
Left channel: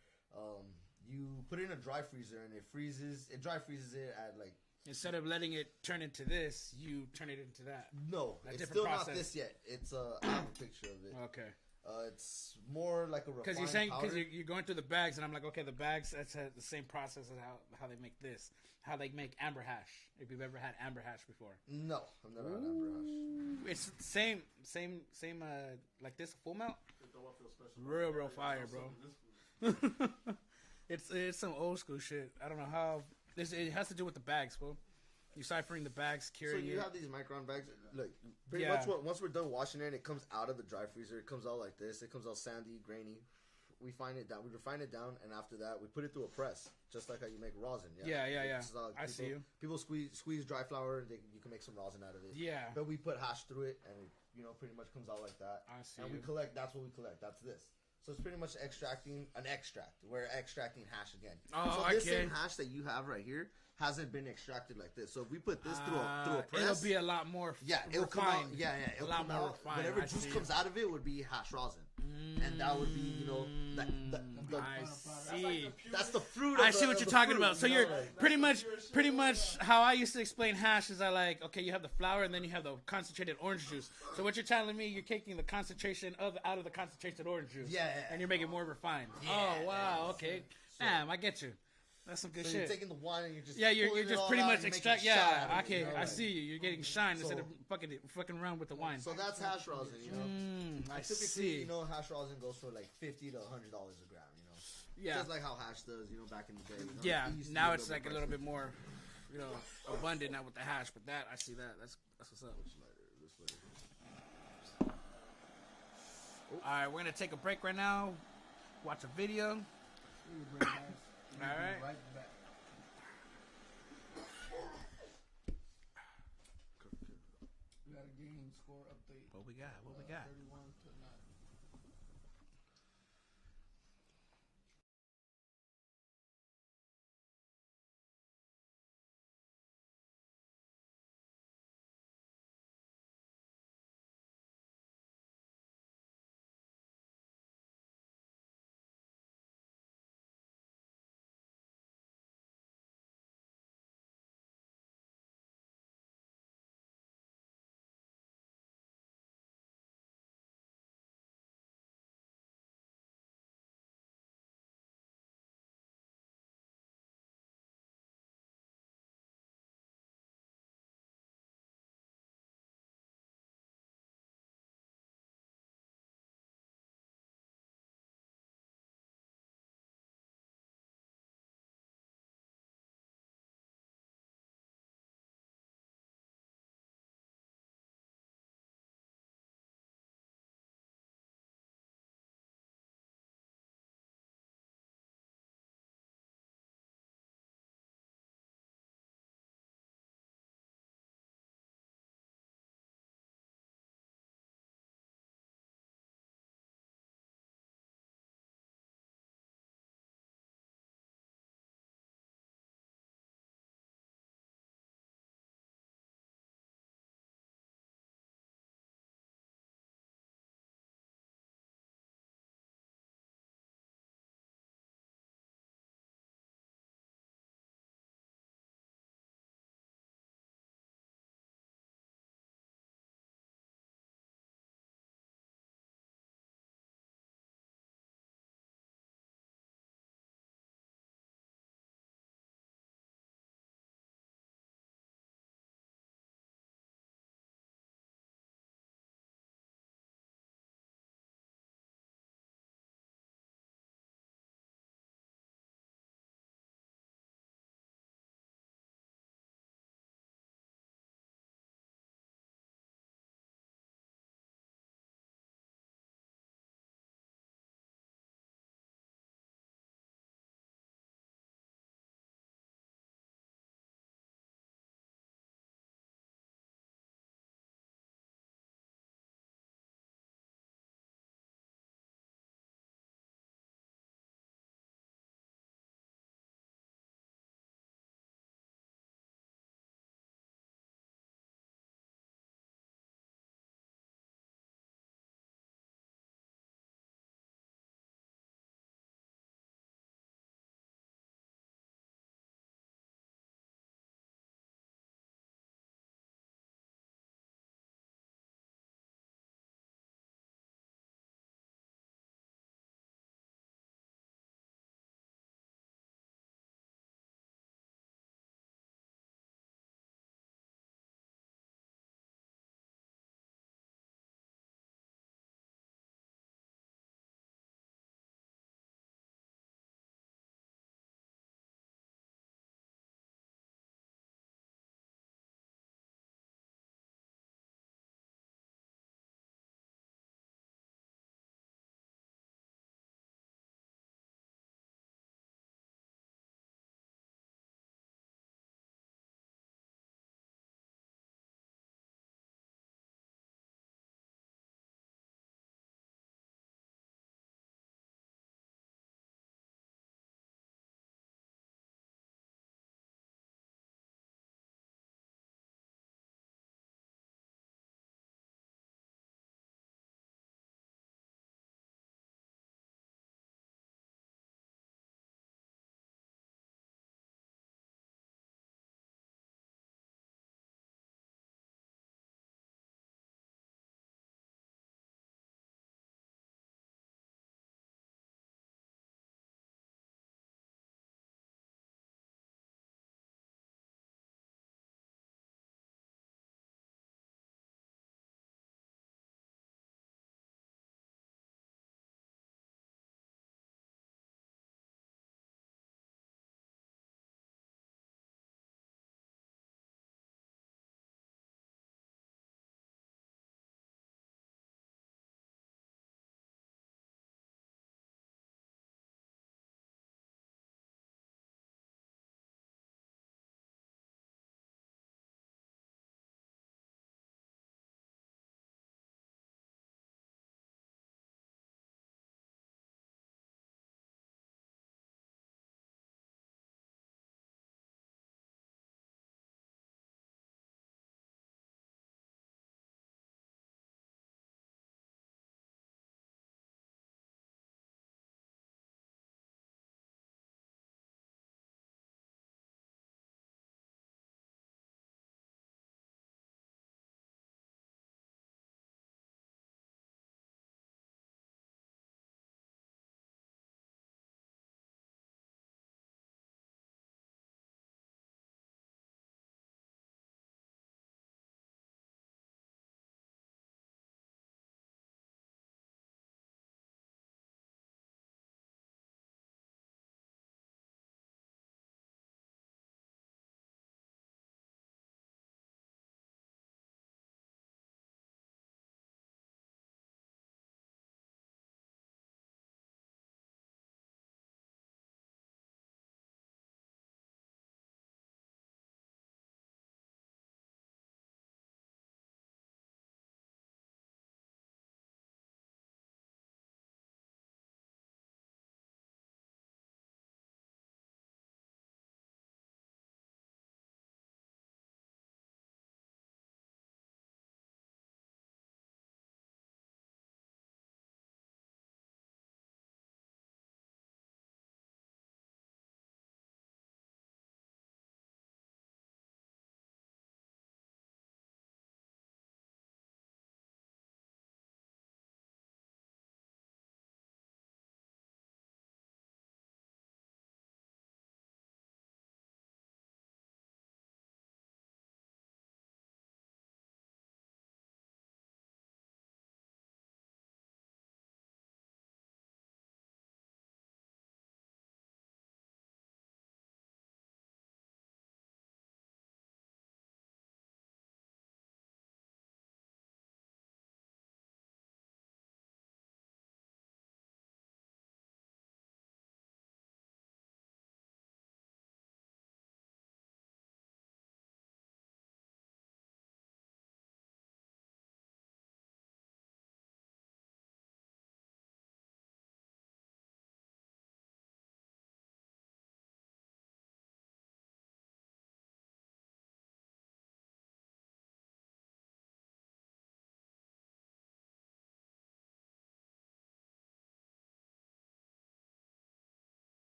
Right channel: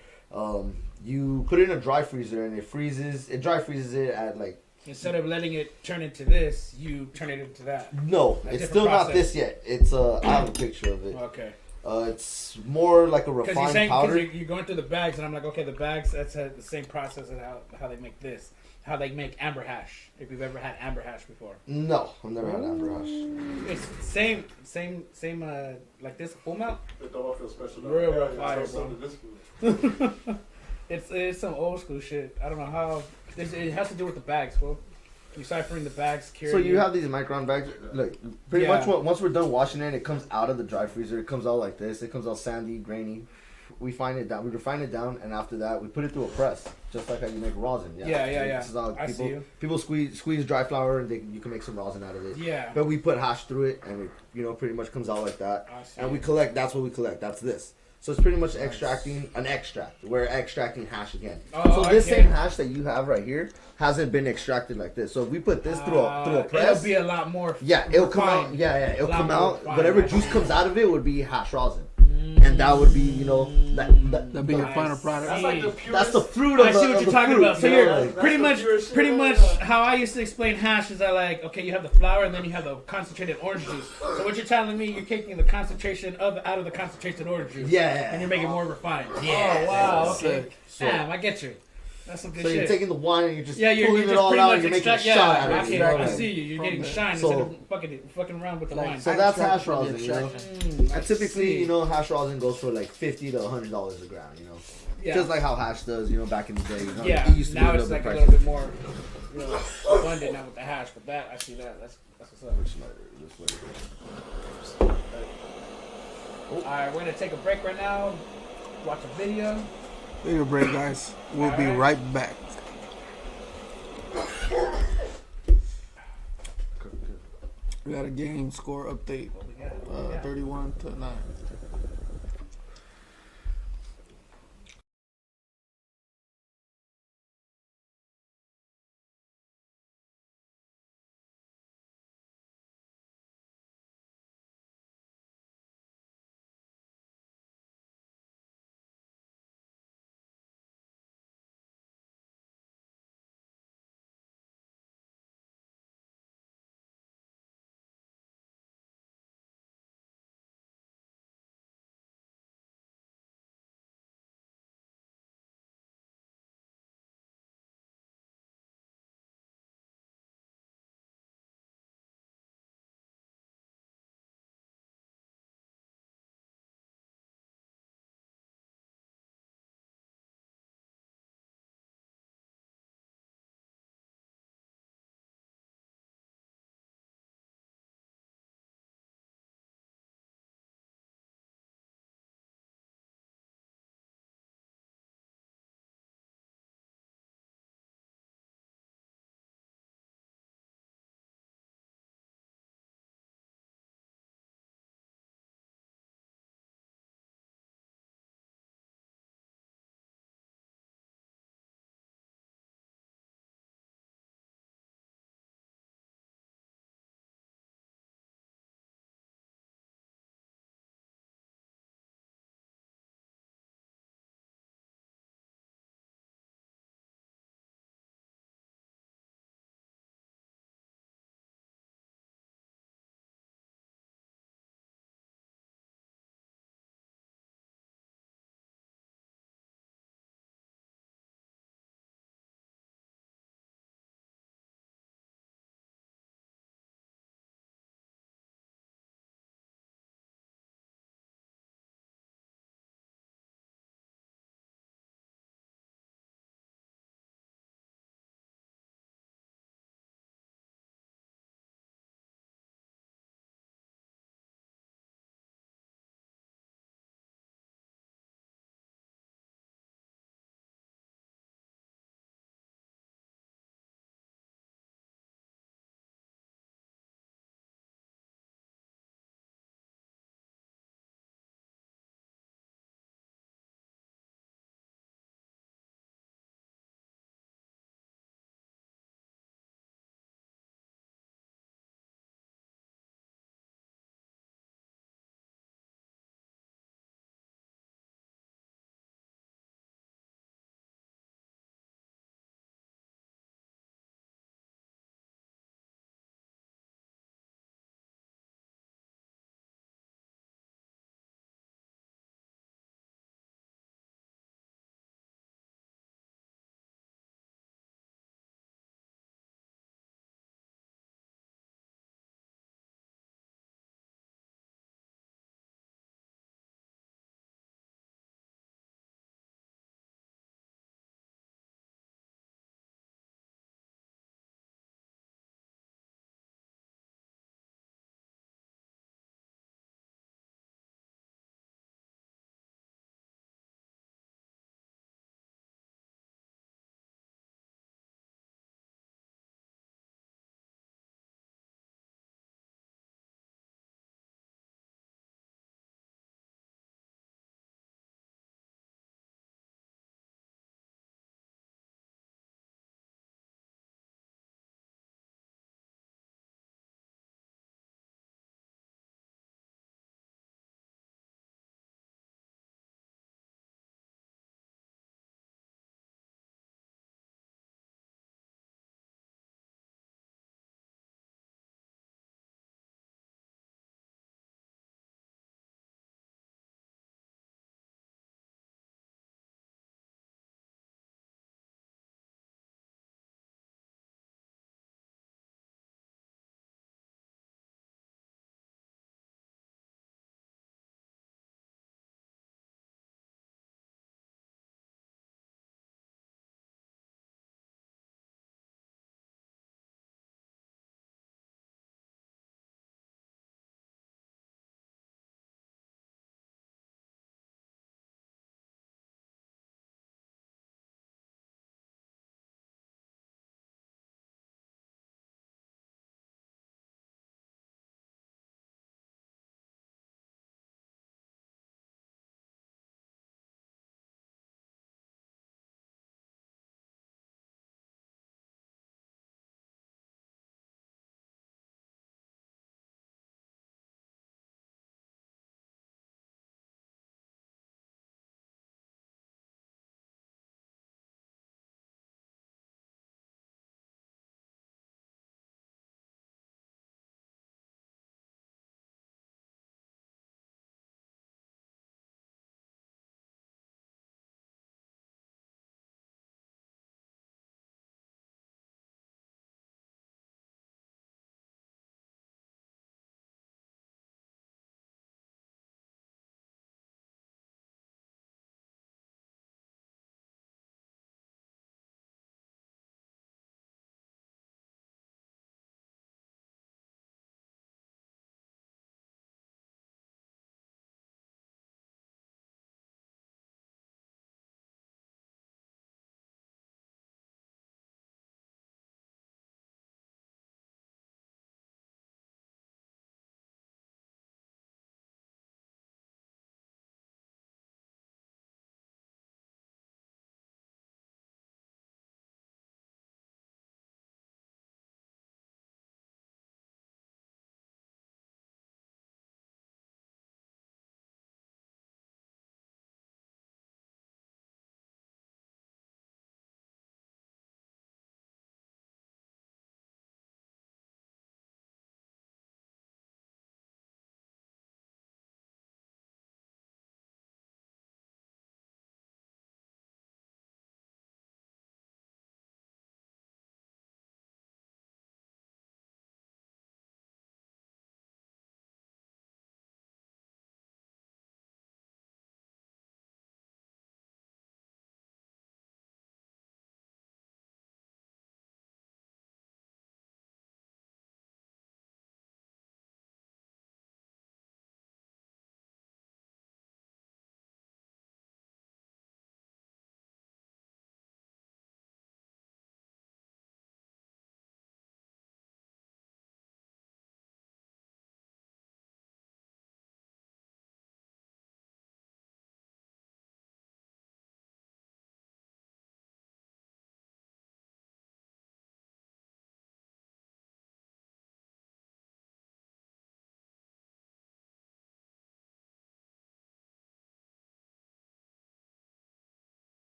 you put it in a dry freezer and it freezes. It dry freezes it at like. Instead of letting it turn into this, you turn it into that. No, A it's different still not process. this yet. It's I have a picture of it. Okay. It's more like a Because refined you're saying powder. you're going through the bags, and I'm like, okay, the bags that's the same process as how they make this, how they make amber hash. If you've ever had amber hash before, No, I've never had amber hash. it's same like this full mount. It don't feel special. Real fire, So bro. this food. It's some old school shit. I don't know how. It has to do with the bags, bro. You ciphering the bags, So curing. you have these micron bags. Look, pretty Yeah. much once we're done washing it, it comes out of the dry freezer. It comes out like this. It comes out sandy, grainy. We refine it down, and after that, we put it through a press, just like how you make rosin. Yeah. This is how I see you. people squeeze dry flour, and you can make some rosin out of it. Yeah. But we put hash through it, and it pretty much comes out like that. I see And we you. collect. That's what we collect. That's this. So it's pretty much extracting an extract. We're extracting hash again. Oh, So this okay. same hash that you have right here hasn't been extracted like this. So if we put this through a press, It'll be a lot more. yeah, it'll come out. refined. Yeah, it'll A lot come more out. refined, Whatever I juice see. comes out of it would be hash rosin, and that would be That'd be your I final see. product. That's like the purest. that's the fruit of I see the, what of you're the talking fruit, about. So you know, you're like- pretty That's much, the purest pretty shit much ever. how I used to explain hash is okay, you have the flour and then you have the concentrated orange juice. So what you're telling me, you're taking the concentration out of the concentrated orange juice. Yeah. And you're making it more refined. Yeah. Oh wow. That's Okay. sick. So- Damn, I get you. That's some good So shit. you're taking the wine and you're just You're pulling it just all pretty out. much And you're making a extract. shot out Yeah, of it. I you know? see you. You're getting shine So- instead of fucking around with the wine. So that's Extract hash from the rosin. You know? extraction. I And typically, see. hash rosin goes for like $50 to $100 a gram. Yeah. Just like how hash does, back in the day. Yeah, it used to be now a it's little like bit a pricey. little bit more, abundant now with the hash. But that I see that. That's what's up. All right, we're gonna take a break right now. Watch a video. Take a break, guys. We'll be Alright. right back. We got a game score update. What we got? 31-9.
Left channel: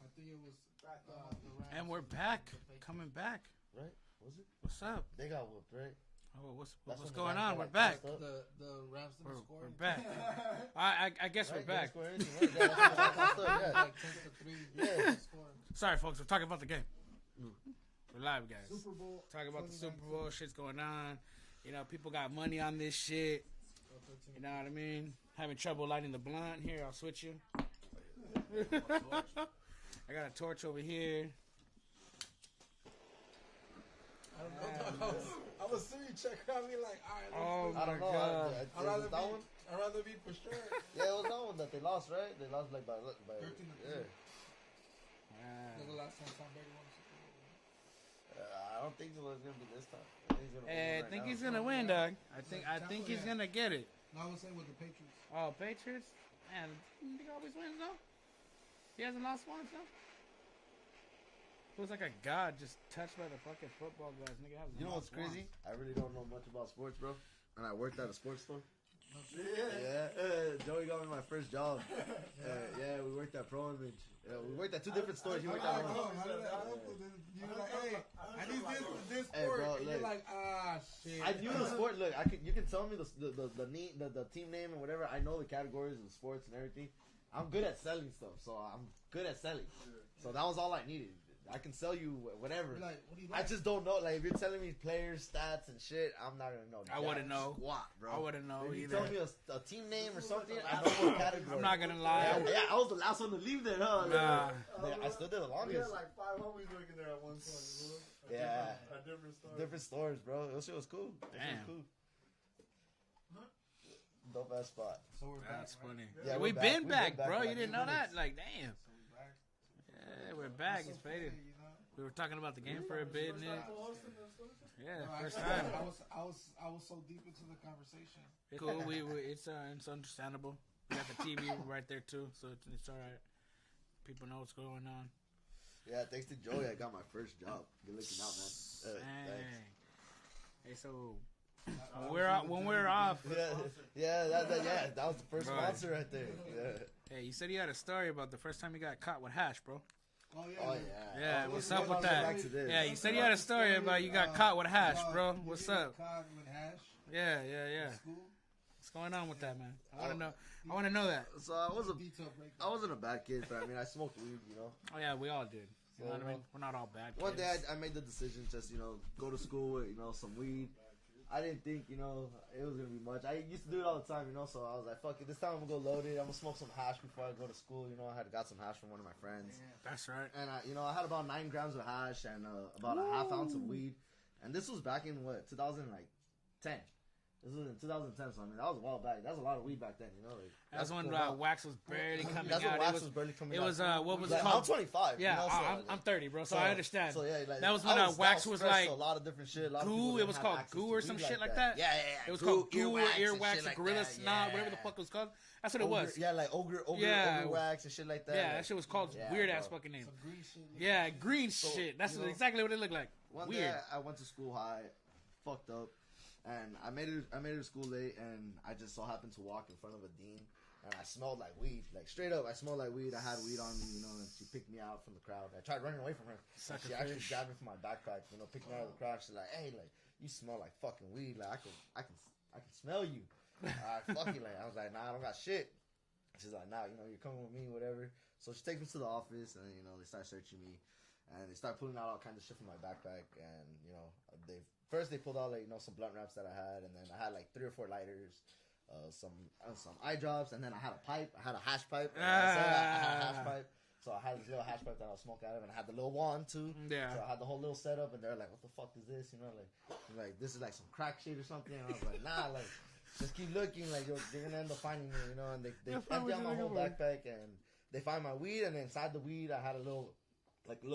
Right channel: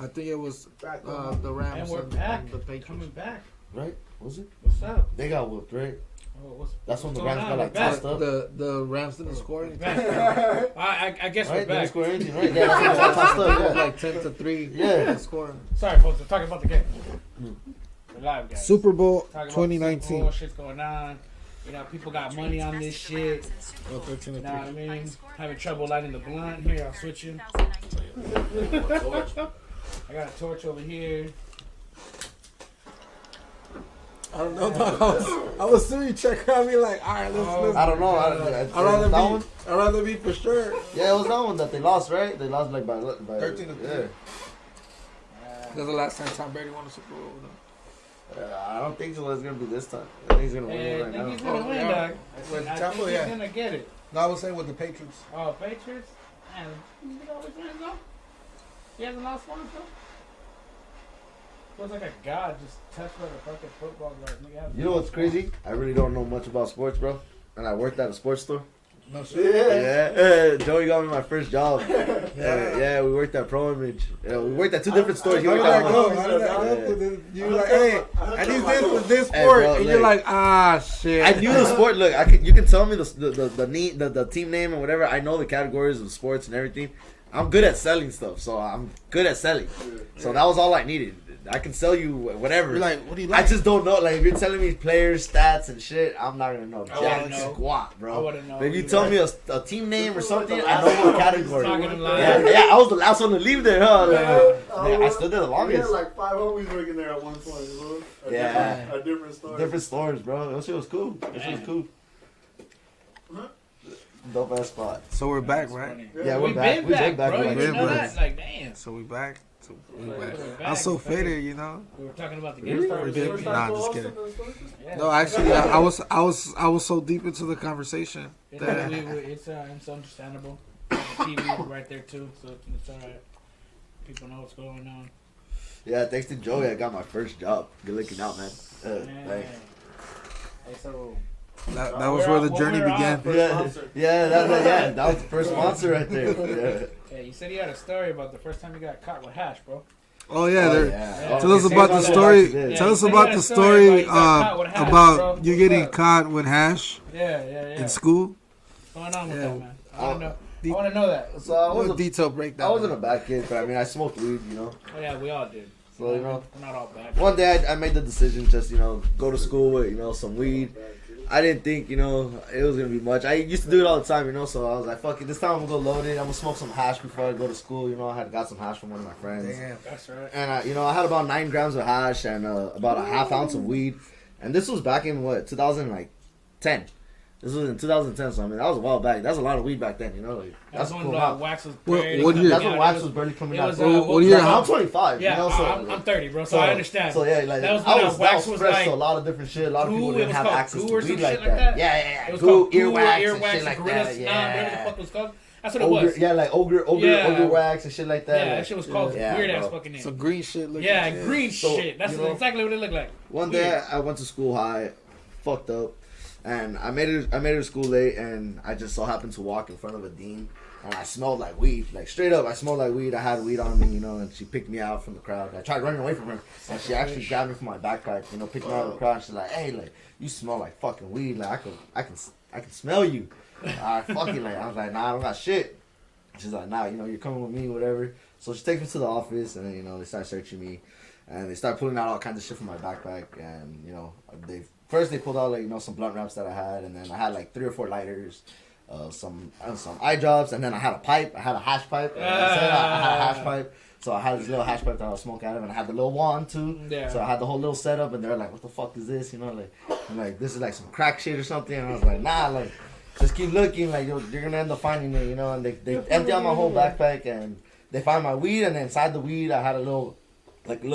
I think it was Back the Rams And we're back. the Patriots. Coming back. Right? Was it? What's up? They got whooped, right? Oh, That's when what's the going Rams on? got like We're back. tossed up. The Rams didn't score anything. Back. I guess Right? we're They didn't back. score anything, right? Yeah, that's when they got tossed It up, was yeah. like 10-3. Yeah. Score. Sorry, folks. We're talking about the game. We're live, guys. Super Bowl Talking about the Super 2019. Bowl, shit's going on. You know, people got money on this shit. Oh, 13 You to know what I 3. mean? Having trouble lighting the blunt. Here, I'll switch you. I got a torch over here. I don't know, dog. I was seeing you check on me like, all right, let's. I don't know. I'd rather be for sure. Yeah, it was that one that they lost, right? They lost like by 13 to 3. yeah. That's the last time Tom Brady won a Super Bowl. I don't think so. It's gonna be this time. I think he's gonna win Hey, it I right think now. he's gonna win, yeah. dog. With I Tampa, think he's yeah. gonna get it. No, I was saying with the Patriots. Oh, Patriots? Man, he always wins, though. He hasn't lost one, though. Feels like a god just touched by the fucking football guard. You know what's crazy? I really don't know much about sports, bro. And I worked at a sports store. No shit. Yeah, Joey got me my first job. Yeah, we worked at Pro Image. Yeah, we worked at two different stores. He How did worked that at go? one. How did that go? You were like, hey, I need this for this Hey, sport, bro, and you're like- like, shit. I knew the sport. Look, you can tell me the team name and whatever. I know the categories of sports and everything. I'm good at selling stuff, so I'm good at selling. So that was all I needed. I can sell you whatever. You're like, what do you I like? just don't know. Like, if you're telling me players, stats, and shit, I'm not gonna know. I Jack wouldn't know. squat, I bro. wouldn't know. But if you either. tell me a team name or something, I know what category. Not gonna lie. Yeah, I was the last one to leave there, huh? Like, Yeah. I still did the We had longest. like 5 homies working there at one point, bro. Yeah. A different story. Different stores, bro. That shit was cool. That shit was cool. Dope ass spot. So we're back, That's right? funny. Yeah, we're We've back. been We've back, been back. bro. We've You been know back. that? Like, damn. So we back. We're back. I'm so faded, you know. We were talking about the game. Really? started. We did. First Nah, time just for kidding. Austin, that's what it is? Yeah. No, actually, I was so deep into the conversation It's, that it's understandable. The TV right there too, so it's alright. People know what's going on. Yeah, thanks to Joey, I got my first job. Good looking out, man. Man. Thanks. Hey, so that was where the journey began. Yeah, that was the first sponsor right there. yeah, you said you had a story about the first time you got caught with hash, bro. Oh yeah, Oh, there. yeah. Tell us Okay, about say the that story. today. Yeah, Tell you us said you about had the a story story about you got caught with hash, about bro. you What's getting up? caught with hash Yeah. in school. What's going on with Yeah. that, man? I want to know that. So I What a wasn't, detailed breakdown. I wasn't a bad kid, but I mean, I smoked weed, you know. Oh yeah, we all did. So, you know, we're not all bad. one day I made the decision just, go to school with, some weed. I didn't think, it was going to be much. I used to do it all the time, so I was like, fuck it, this time I'm going to go load it. I'm going to smoke some hash before I go to school. I had got some hash from one of my friends. Damn. That's right. And, I had about 9 grams of hash and about a half ounce of weed. And this was back in, 2010. This was in 2010, so I mean, that was a while back. That's a lot of weed back then, Like, That's that's a when cool amount. wax was. What- barely what coming year? That's out. when It wax was- was barely coming it out. was, What year? I'm 25, Yeah, so I'm 30, bro, so I understand. So yeah, like That was I when was, wax that was was fresh like to a lot of different shit. A lot of Goo, people it didn't was have called access Goo to or weed some like shit that. like that? Yeah. It was Goo, called Goo, earwax, and earwax, shit like Gorilla that. Snot, whatever the Yeah. fuck it was called. That's what it Ogre, was. yeah, like ogre Yeah. wax and shit like that. Yeah, Like, that shit was called Yeah, weird ass bro. fucking name. Some green shit. Looking Yeah, shit. green So, shit. That's exactly what it looked like. One Weird. day I went to school high, fucked up, and I made it to school late, and I just so happened to walk in front of a dean, and I smelled like weed, like straight up. I smelled like weed. I had weed on me, and she picked me out from the crowd. I tried running away from her, and she actually grabbed me from my backpack, picked me out of the crowd. And she's like, "Hey, like you smell like fucking weed. Like I can smell you." I fucking like I was like, "Nah, I don't got shit." She's like, "Nah, you're coming with me, whatever." So she takes me to the office, and then they start searching me. And they start pulling out all kinds of shit from my backpack, and they pulled out some blunt wraps that I had, and then I had like 3 or 4 lighters, some eye drops, and then I had a pipe. I had a hash pipe. I had a hash pipe, so I had this little hash pipe that I was smoking out of, and I had the little wand too. Yeah. So I had the whole little setup, and they're like, "What the fuck is this?" I'm like, "This is like some crack shit or something." And I was like, "Nah, like just keep looking, like you're gonna end up finding it, And they empty out my whole backpack, and they find my weed, and then inside the weed I had a little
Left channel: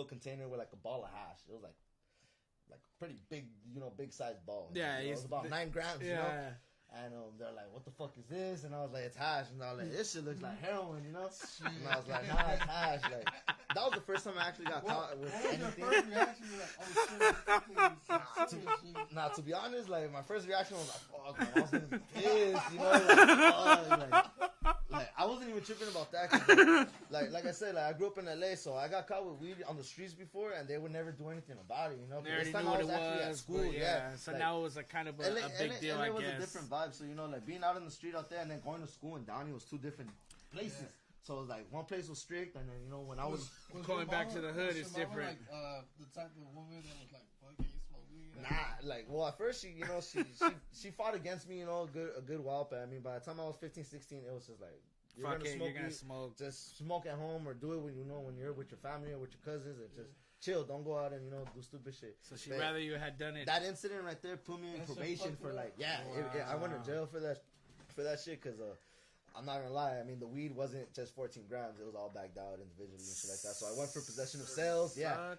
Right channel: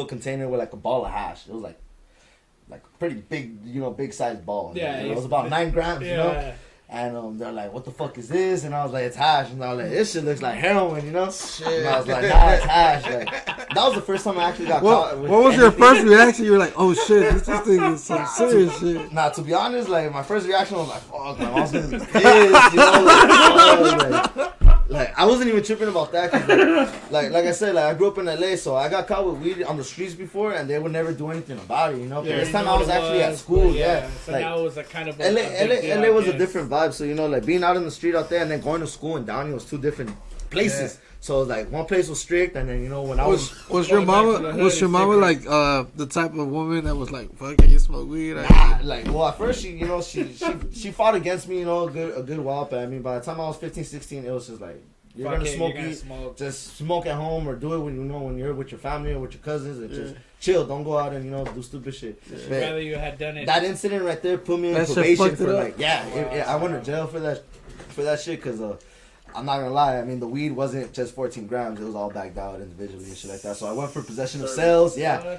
container with like a ball of hash. It was like a pretty big, big sized ball. Yeah, it was about 9 grams, Yeah. And they're like, "What the fuck is this?" And I was like, "It's hash." And I was like, "This shit looks like heroin, Shit. And I was like, "Nah, it's hash." Like, that was the first time I actually got caught. With What was your anything. first reaction? You were like, "Oh shit, this thing is some serious shit." Nah, to be honest, like my first reaction was like, "Fuck, my mom's gonna be pissed," Like, I wasn't even tripping about that. 'Cause like I said, like, I grew up in LA, so I got caught with weed on the streets before, and they would never do anything about it, you know? But Yeah, this you time know I what was it actually at was, school, but yeah. So Like, now it was a kind of LA, a big deal, LA was I a guess. different vibe, so, you know, like, being out in the street out there and then going to school in Downey was two different places. So, like, one place was strict, and then, you know, when I was... Was your Going back to mama the hood was your is mama like different. the type of woman that was like, fuck it, you smoke weed? Nah, like, well, at first, she, you know, she fought against me, you know, a good while, but I mean, by the time I was 15, 16, it was just like, you're Fuck gonna it, smoke you're gonna weed, smoke. just smoke at home or do it when, you know, when you're with your family or with your cousins and just chill. Don't go out and, you know, do stupid shit. I'd But rather you had done it. that incident right there put me in That shit probation fucked it for up? like, I went to jail for that shit, because I'm not gonna lie, I mean, the weed wasn't just 14 grams, it was all bagged out individually and shit like that. So I went for possession of cells,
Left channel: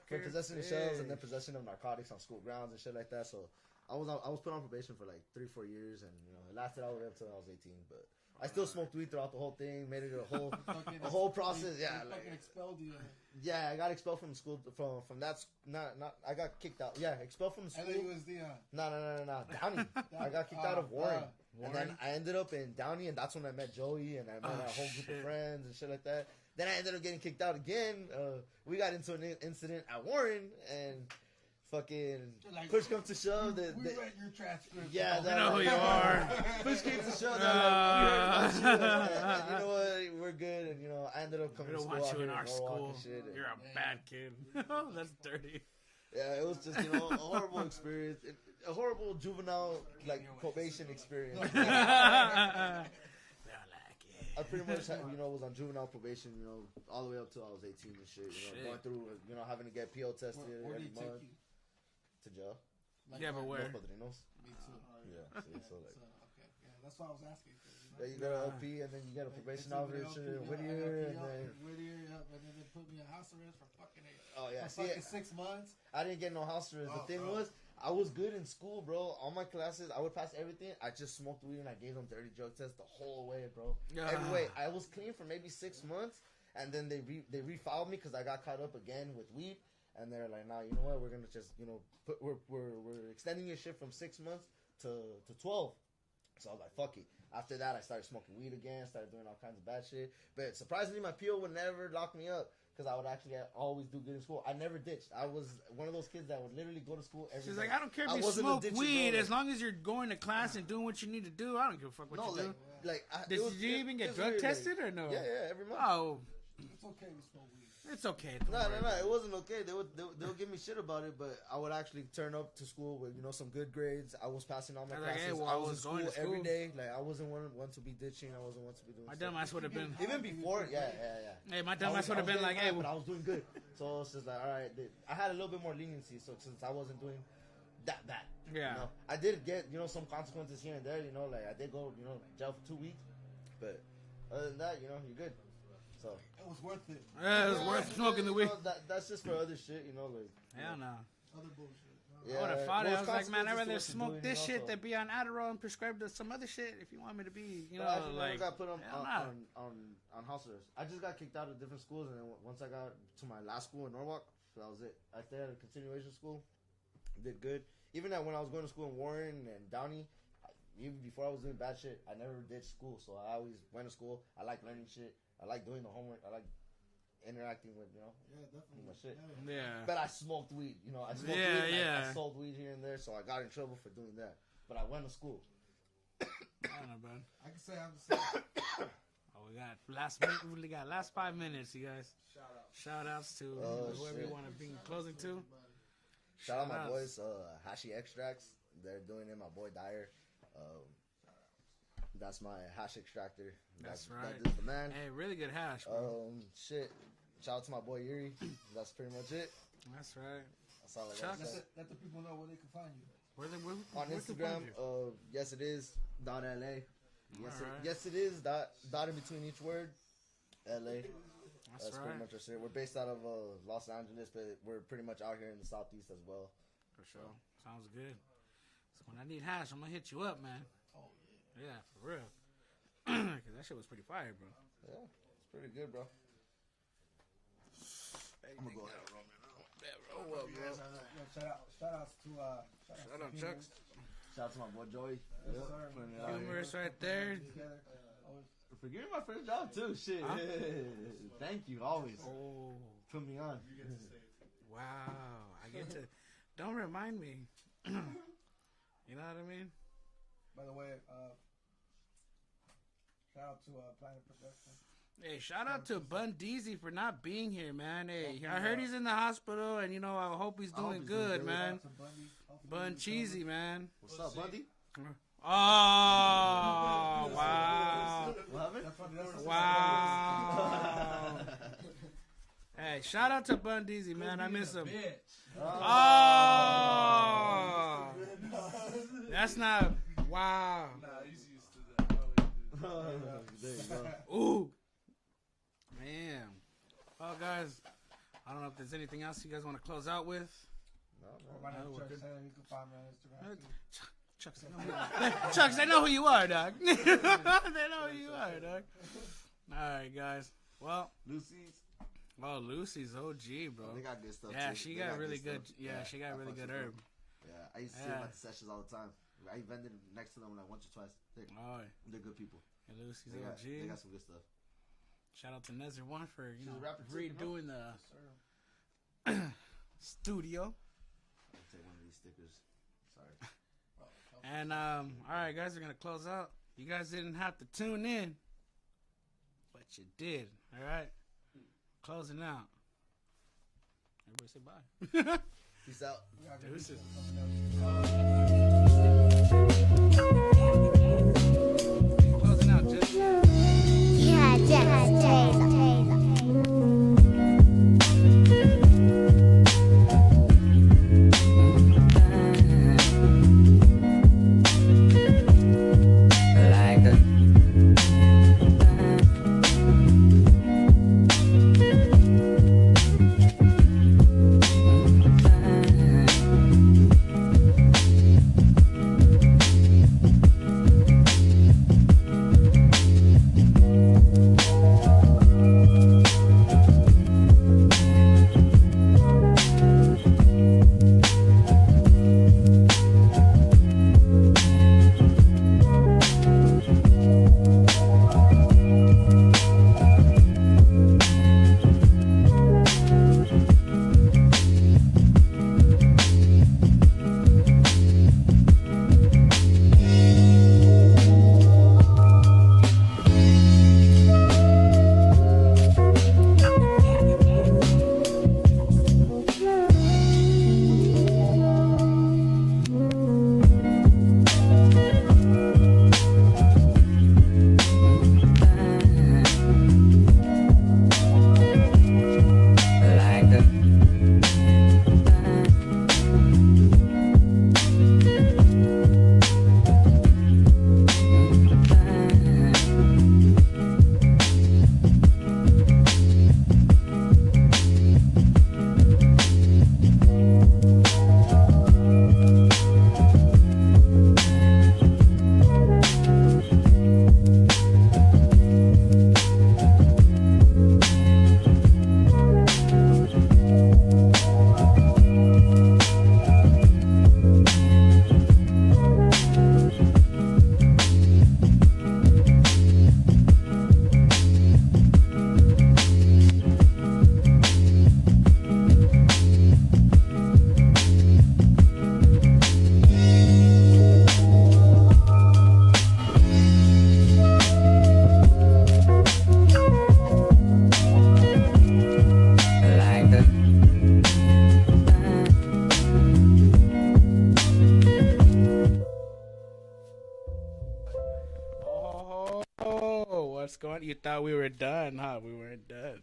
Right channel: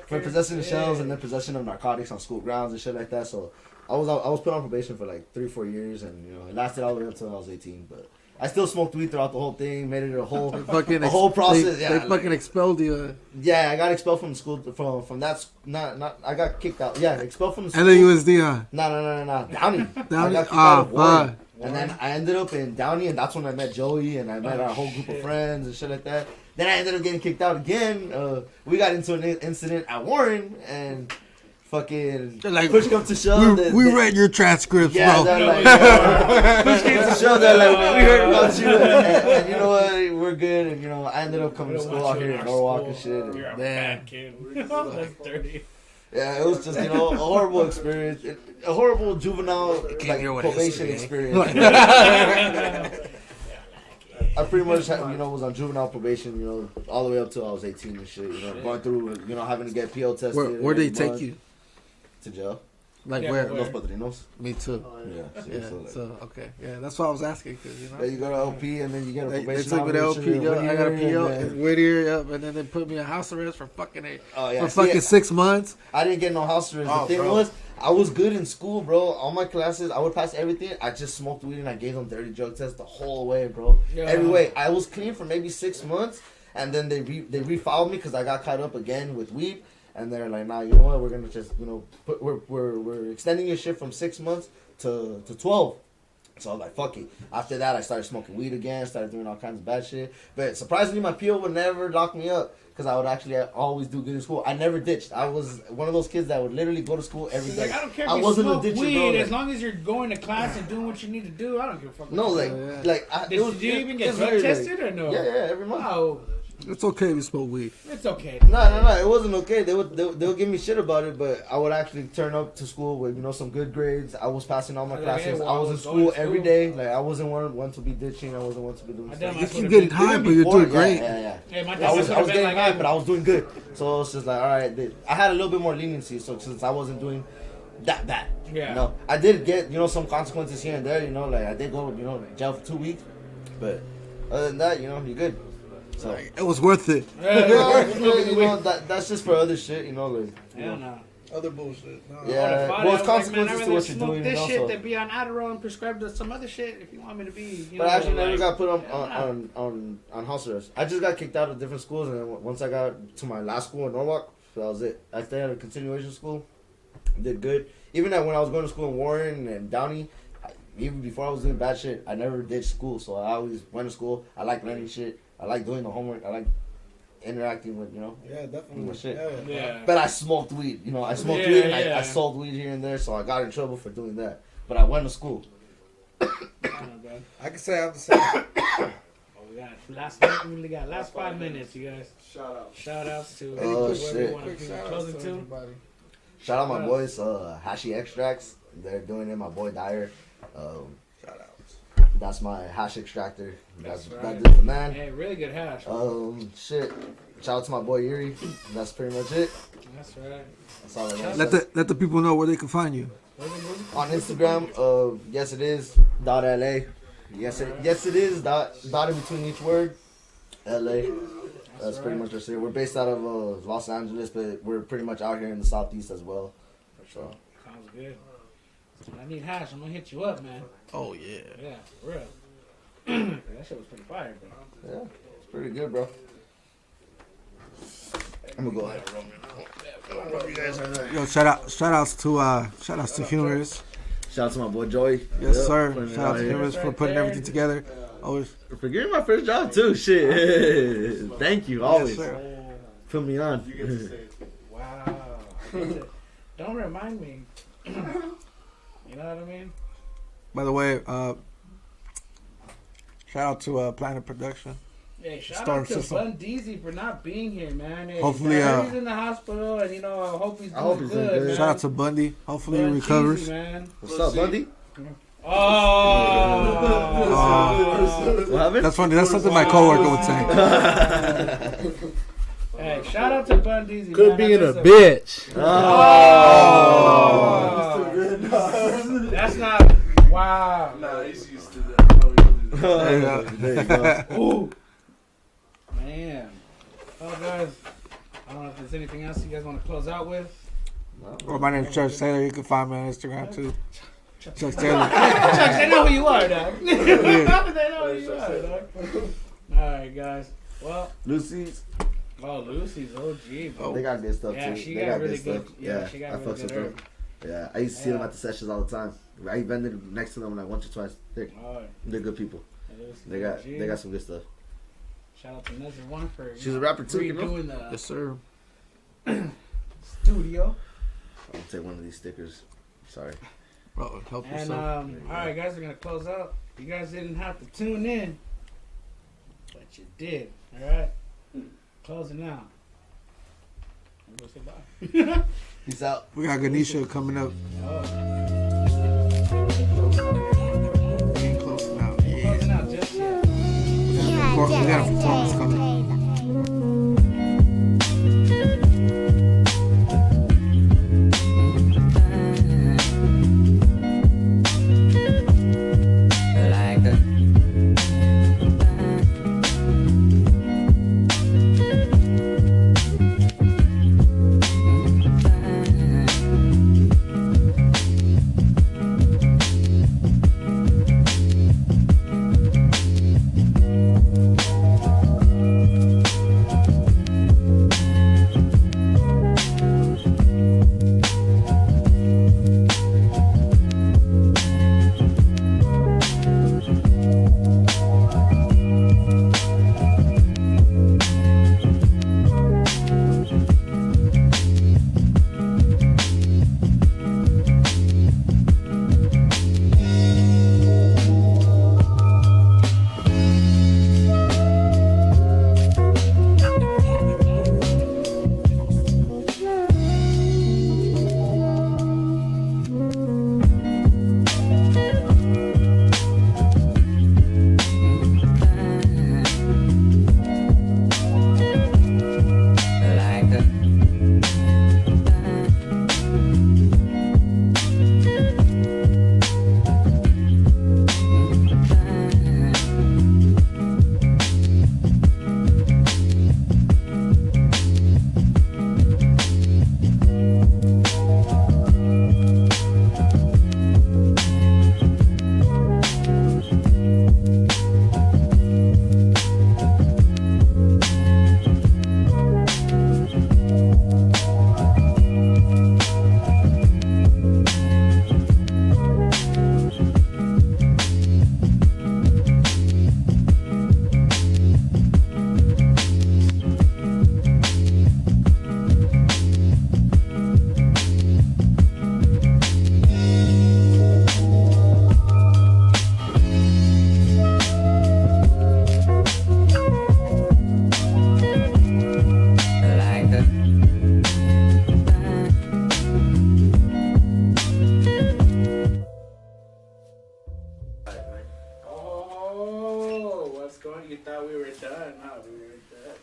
for possession of shells, and then possession of narcotics on school grounds and shit like that. So I was put on probation for like 3-4 years, and, you know, it lasted all the way up until I was 18. But I still smoked weed throughout the whole thing, made it a whole process. They fucking expelled you. Yeah, I got expelled from the school from that. Not I got kicked out. Yeah, expelled from the school. LAUSD, huh? No. Downey. I Downey? got kicked out of Ah, Warren. fuck. And then I ended up in Downey, and that's when I met Joey, and I met our whole group of friends and shit like that. Then I ended up getting kicked out again. We got into an incident at Warren, and fucking Like, push come to shove. We read your transcripts, Yeah, bro. they're like, push came to shove. They're like, we heard about you, and you know what? We're good, and, you know, I ended up coming to school out here in Norwalk and shit. And, You're a man, bad kid. That's dirty. yeah, it was just, you know, a horrible experience, a horrible juvenile like probation experience. I pretty much, you know, was on juvenile probation, you know, all the way up till I was 18 and shit. You know, going through, you know, having to get PO tested. Where they every take month. you? To jail. Like Yeah, where? where? Los Padrinos. Me too. Yeah. Yeah. like, So okay. Yeah, that's what I was asking, cause you know. yeah, you go to LP and then you get a They probation. took me to officer LP, in yeah, I got a Whittier, PO and then- in Whittier, yep, and then they put me in house arrest for fucking Oh, yeah. for See, fucking 6 months. I didn't get no house arrest. Oh, The thing bro. was, I was good in school, bro. All my classes, I would pass everything. I just smoked weed and I gave them dirty drug tests the whole way, bro. Yeah. Every way. I was clean for maybe 6 months, and then they refiled me because I got caught up again with weed. And they're like, nah, you know what? We're gonna just, you know, we're extending your shit from 6 months to 12. So I was like, fuck it. After that, I started smoking weed again, started doing all kinds of bad shit. But surprisingly, my PO would never lock me up because I would actually always do good in school. I never ditched. I was one of those kids that would literally go to school every day. Like, I don't care if I you wasn't a smoke ditcher, weed, bro. as long as you're going to class and doing what you need to do. I don't give a fuck. No, what you like, do. it Did, was, did you even it get was drug very, tested or no? Yeah, every month. Wow, It's okay if you smoke weed. it's okay. No, it wasn't okay. They would give me shit about it, but I would actually turn up to school with, you know, some good grades. I was passing all my Like, classes. hey, well, I was I in was going school to every school. day. Like, I wasn't one to be ditching. I wasn't one to be doing I stuff. done my You foot keep a getting bit- high, Even but you're before, doing great. Yeah. Hey, my I dad was would have been getting like, high, hey, but I was doing good. So it's just like, all right, I had a little bit more leniency. So since I wasn't doing that bad, Yeah. you know, I did get, you know, some consequences here and there. You know, like I did go, you know, jail for 2 weeks, but other than that, you know, you're good. So It was worth it. you know, that's just for other shit. You know, like Hell no. Other bullshit. No. yeah, Well, well, it's it's consequences to what you're doing. This You know, shit so. than be on Adderall and prescribed to some other shit if you want me to be. You But know, I actually like, never got put yeah. on house arrest. I just got kicked out of different schools, and then once I got to my last school in Norwalk, so that was it. I stayed at a continuation school, did good. Even when I was going to school in Warren and Downey, even before I was doing bad shit, I never did school. So I always went to school. I like learning shit. I like doing the homework. I like interacting with, you know. Yeah, definitely. Well, shit. Yeah. But I smoked weed. You know, I smoked Yeah, weed and yeah. I sold weed here and there, so I got in trouble for doing that. But I went to school. I don't know, bro. I can say I'm the same. Oh, we got we only got last 5 minutes, you guys. Shout out. Shout outs to Oh, whoever shit. you want to Quick do shout closing out to to. everybody. Shout out my boys, Hashi Extracts. They're doing it. My boy Dyer. Shout out. That's my hash extractor. That's right. That dude's the man. Hey, really good hash. Shit. Shout out to my boy Yuri. That's pretty much it. That's right. That's all I want. Let the people know where they can find you. On Instagram, yes it is .la. Yes it is dot in between each word. LA. That's pretty much us here. We're based out of Los Angeles, but we're pretty much out here in the southeast as well. So Sounds good. When I need hash, I'm gonna hit you up, man. Oh yeah. Yeah, for real. That shit was pretty fire, bro. yeah, it's pretty good, bro. I'm gonna go ahead. Yo, shout outs to Humorous. Shout out to my boy Joey. Yes, Yep, sir. putting it Shout out out to here. Humorous for putting everything together. Always. For giving me my first job too. Shit. Thank you. Always. sir. Put me on. You get to say it. Wow. Don't remind me. You know what I mean? By the way, shout out to Planet Production. Hey, shout Star out to system. Bun Deezy for not being here, man. Hey, Hopefully, he's in the hospital, and I hope he's I hope doing he's doing good, good. man. Shout out to Bundy. Hopefully he Bun recovers. Deezy, man. What's up, Bundy? Oh. What happened? That's funny. That's something my coworker would say. Hey, shout out to Bun Deezy, Could man. be in a That's bitch. Oh. That's not. Wow. Nah, he's used to that. Oh, There you go. There you go. Ooh. Man. Well, guys, I don't know if there's anything else you guys want to close out with. Well, my name's Chuck Taylor. You can find me on Instagram too. Chuck Taylor. Chuck, they know who you are, dog. Yeah. They know who you are, dog. Alright, guys. Well, Lucy's. oh, Lucy's OG, bro. They got good stuff Yeah, too. she They got really stuff. good. Yeah, she got I really fucks good with them. herb. Yeah, I used to see them Yeah. at the sessions all the time. I vended next to them like once or twice. Oh, They're good people. Lucy's They got OG. some good stuff. Shout out to Nezzer One for She's a rapper too, you know? redoing the Yes, sir. I'll studio. take one of these stickers. Sorry. Bro, help And yourself. all right, guys, we're gonna close out. You guys didn't have to tune in, but you did. All right, closing out. I'm gonna say bye. Peace out. We got Ganesha coming up. Closing out. Yeah. Closing out just Yeah, just taste. You thought we were done, huh? We weren't done.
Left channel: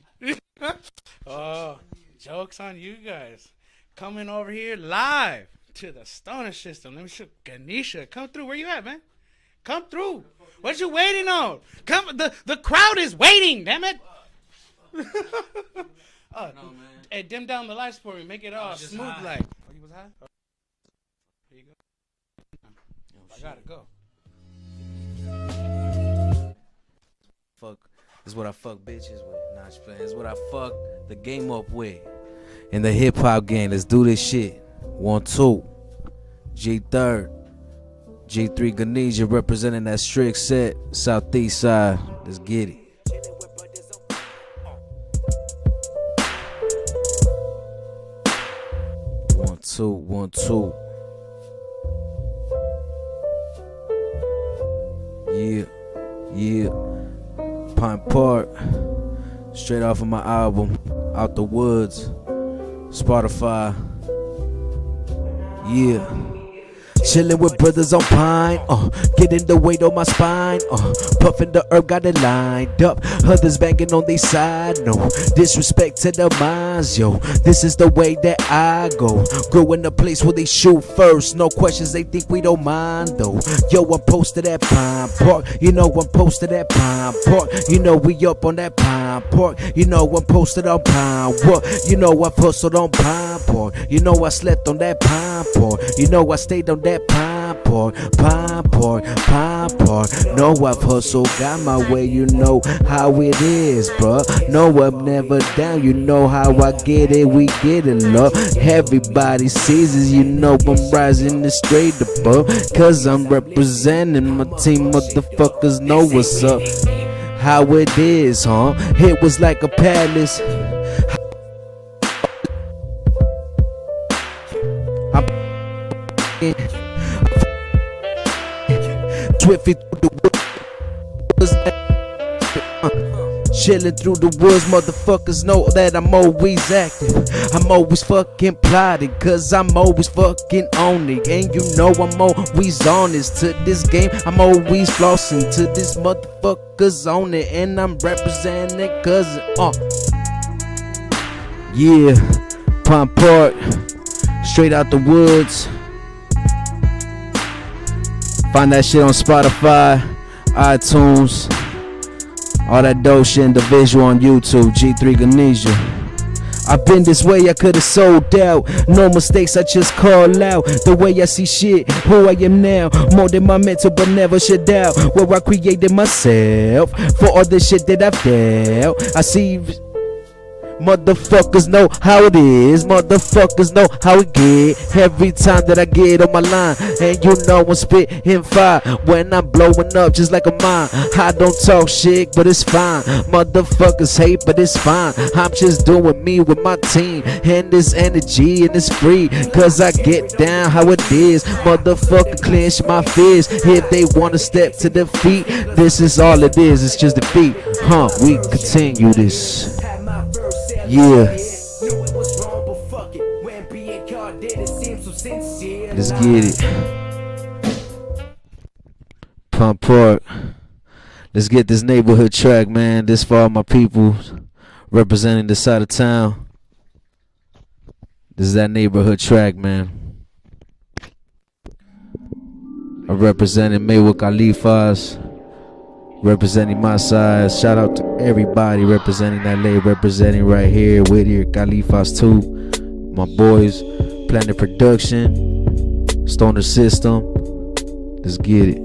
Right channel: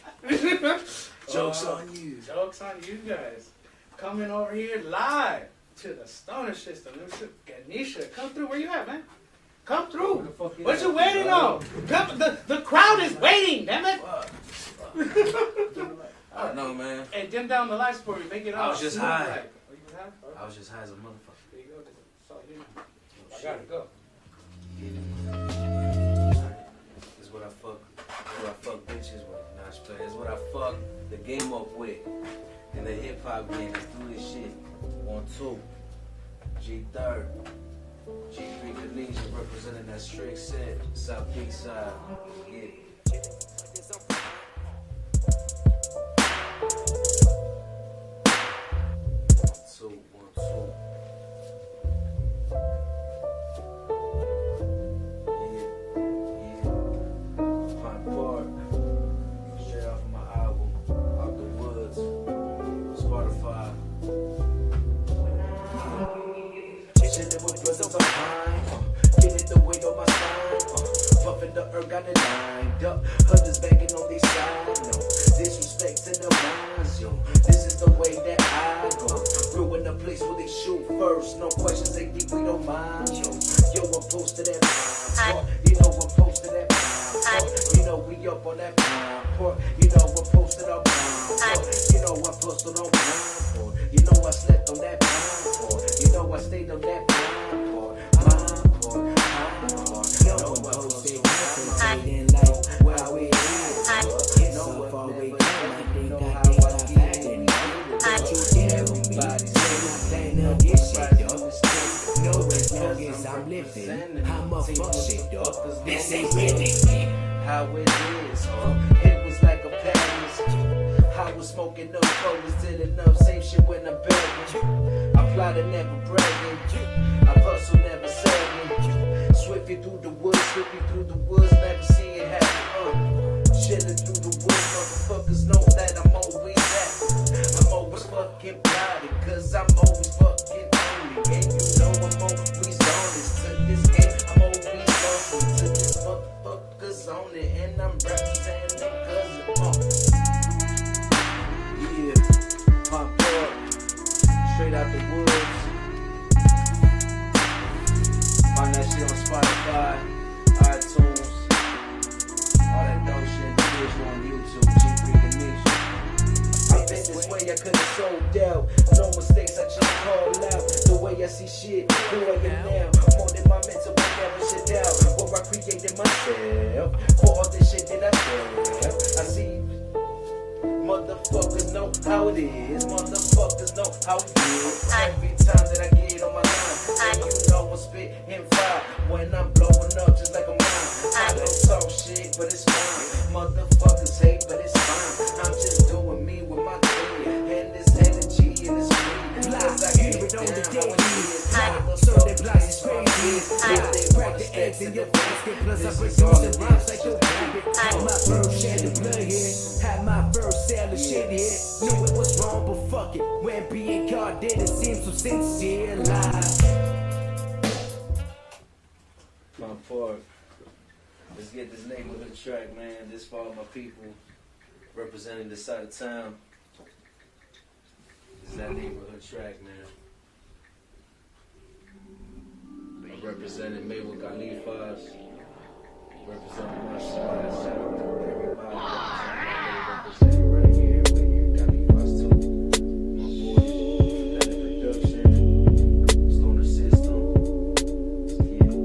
Joke's on you. Joke's on you guys. Coming over here live to the Stoner System. Let me show Ganesha. Come through. Where you at, man? Come through. What you waiting on? Come. The crowd is waiting. Damn it. No, man. Hey, dim down the lights for me. Make it all. I was just smooth high. like. Oh, you was high? I was just high as a motherfucker. There you go. So, you know, I gotta go. This is what I fuck. This is what I fuck bitches with. Nah, just play. This is what I fuck the game up with. In the hip hop game, let's do this shit. 1, 2. G3rd. G3 Ganesha representing that strict set, southeast side. Let's get it. 1 2 1 2. Yeah. Pine Park. Straight off of my album, Out the Woods. Spotify. Yeah. Chillin' with brothers on Pine, getting the weight on my spine, puffin' the herb, got it lined up. Others banging on they side, no disrespect to the minds, yo. This is the way that I go. Grew in a place where they shoot first, no questions, they think we don't mind though. Yo, I'm posted at Pine Park, you know I'm posted at Pine Park. You know we up on that Pine Park, you know I'm posted on Pine Park. You know I've hustled on Pine Park, you know I slept on that Pine Park. You know I stayed on that Pine Park. No, I've hustled, got my way, you know how it is, bruh. No, I'm never down, you know how I get it, we get it, love. Everybody sees it, you know I'm rising the straight above. Cause I'm representing my team, motherfuckers know what's up. How it is, huh? It was like a palace. I was smoking up bullets, till enough same shit when I'm back. I'm plotting, never bragging. I've hustled, never sagging. Swiftly through the woods, never see it happen. Chillin' through the woods, motherfuckers know that I'm always active. I'm always fucking plotting, cause I'm always fucking on it. And you know I'm always honest to this game. I'm always flossing to this motherfuckers on it. And I'm representing cause yeah, Pine Park, straight out the woods. Find that shit on Spotify, iTunes, all that dope shit in the visual on YouTube. G3 Ganesha. I've been this way, I could've sold out. No mistakes, I just call out. The way I see shit, who I am now. More than my mental, but never shut out. Where I created myself for all the shit that I've dealt. I see motherfuckers know how it is. Motherfuckers know how it get. Every time that I get on my line, and you know I'm spitting fire when I'm blowing up just like a mine. I don't talk shit, but it's fine. Motherfuckers hate, but it's fine. I'm just doing me with my team, and this energy, and it's free, cause I get down how it is. Motherfucker clench my fist if they wanna step to defeat. This is all it is, it's just defeat. We continue this. Yeah. Knew it was wrong, but fuck it. When being caught did it seem so sincere. Let's get it. Pine Park. Let's get this neighborhood track, man. This for all my people representing this side of town. This is that neighborhood track, man. I'm representing Maywood Khalifas. Representing my side. Shout out to everybody representing that lane, representing right here, Whittier, Khalifas too. My boys, Planet Production, Stoner System. Let's get it.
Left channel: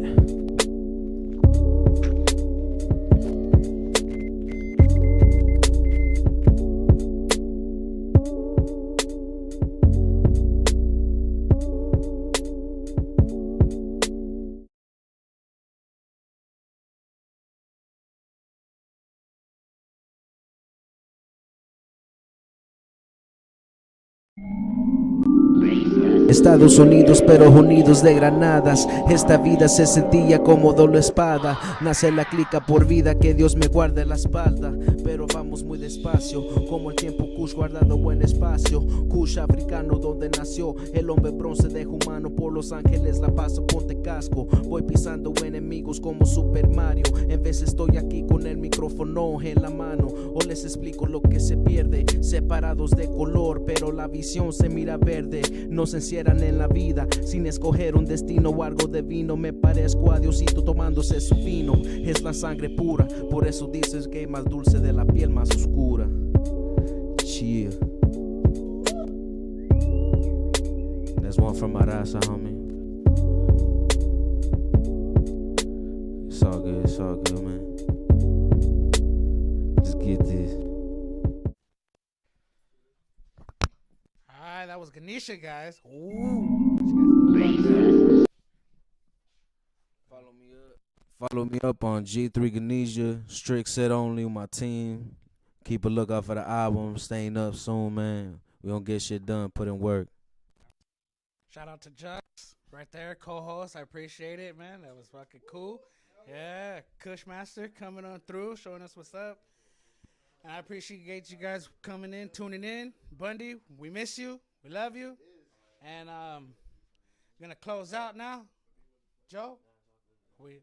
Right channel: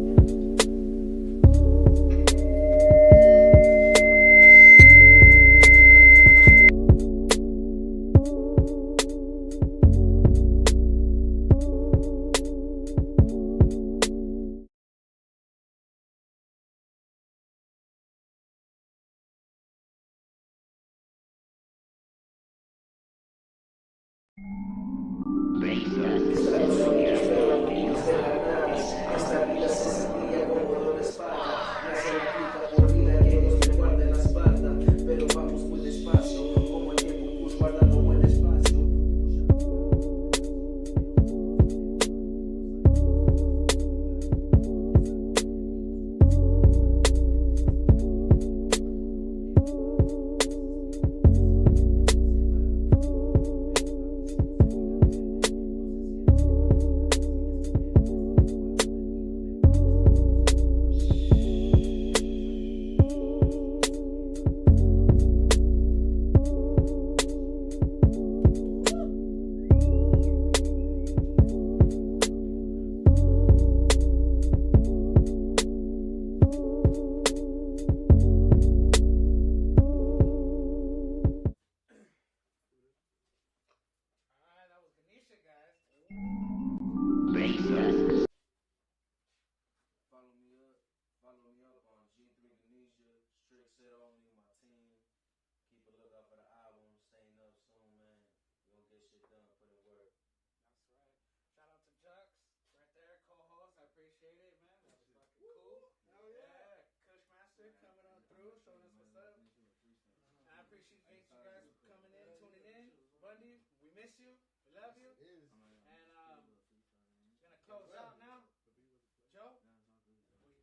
Estados Unidos, pero unidos de granadas. Esta vida se sentía como doble espada. Nace la clica por vida, que Dios me guarde la espalda. Pero vamos muy despacio, como el tiempo Kush guardando buen espacio. Kush africano donde nació el hombre bronce de humano. Por Los Ángeles la paso, ponte casco. Voy pisando enemigos como Super Mario. En vez estoy aquí con el micrófono en la mano. O les explico lo que se pierde. Separados de color, pero la visión se mira verde. Nos encierran en la vida sin escoger un destino o algo de vino. Me parezco a Diosito tomándose su vino. Es la sangre pura, por eso dices que es más dulce de la piel más oscura. Cheer. There's one from Marasa, homie. It's all good, man. Just get this. Alright, that was Ganesha, guys. Follow me up on G3 Ganesha, strict set only with my team. Keep a lookout for the album. Staying up soon, man. We gonna get shit done. Put in work. Shout out to Jux right there, co-host. I appreciate it, man. That was fucking cool. Yeah, Kushmaster coming on through, showing us what's up. And I appreciate you guys coming in, tuning in. Bundy, we miss you. We love you. And gonna close out now. Joe,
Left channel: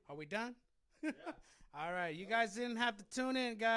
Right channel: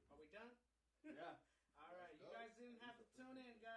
are we done? All right, you guys didn't have to tune in, guys.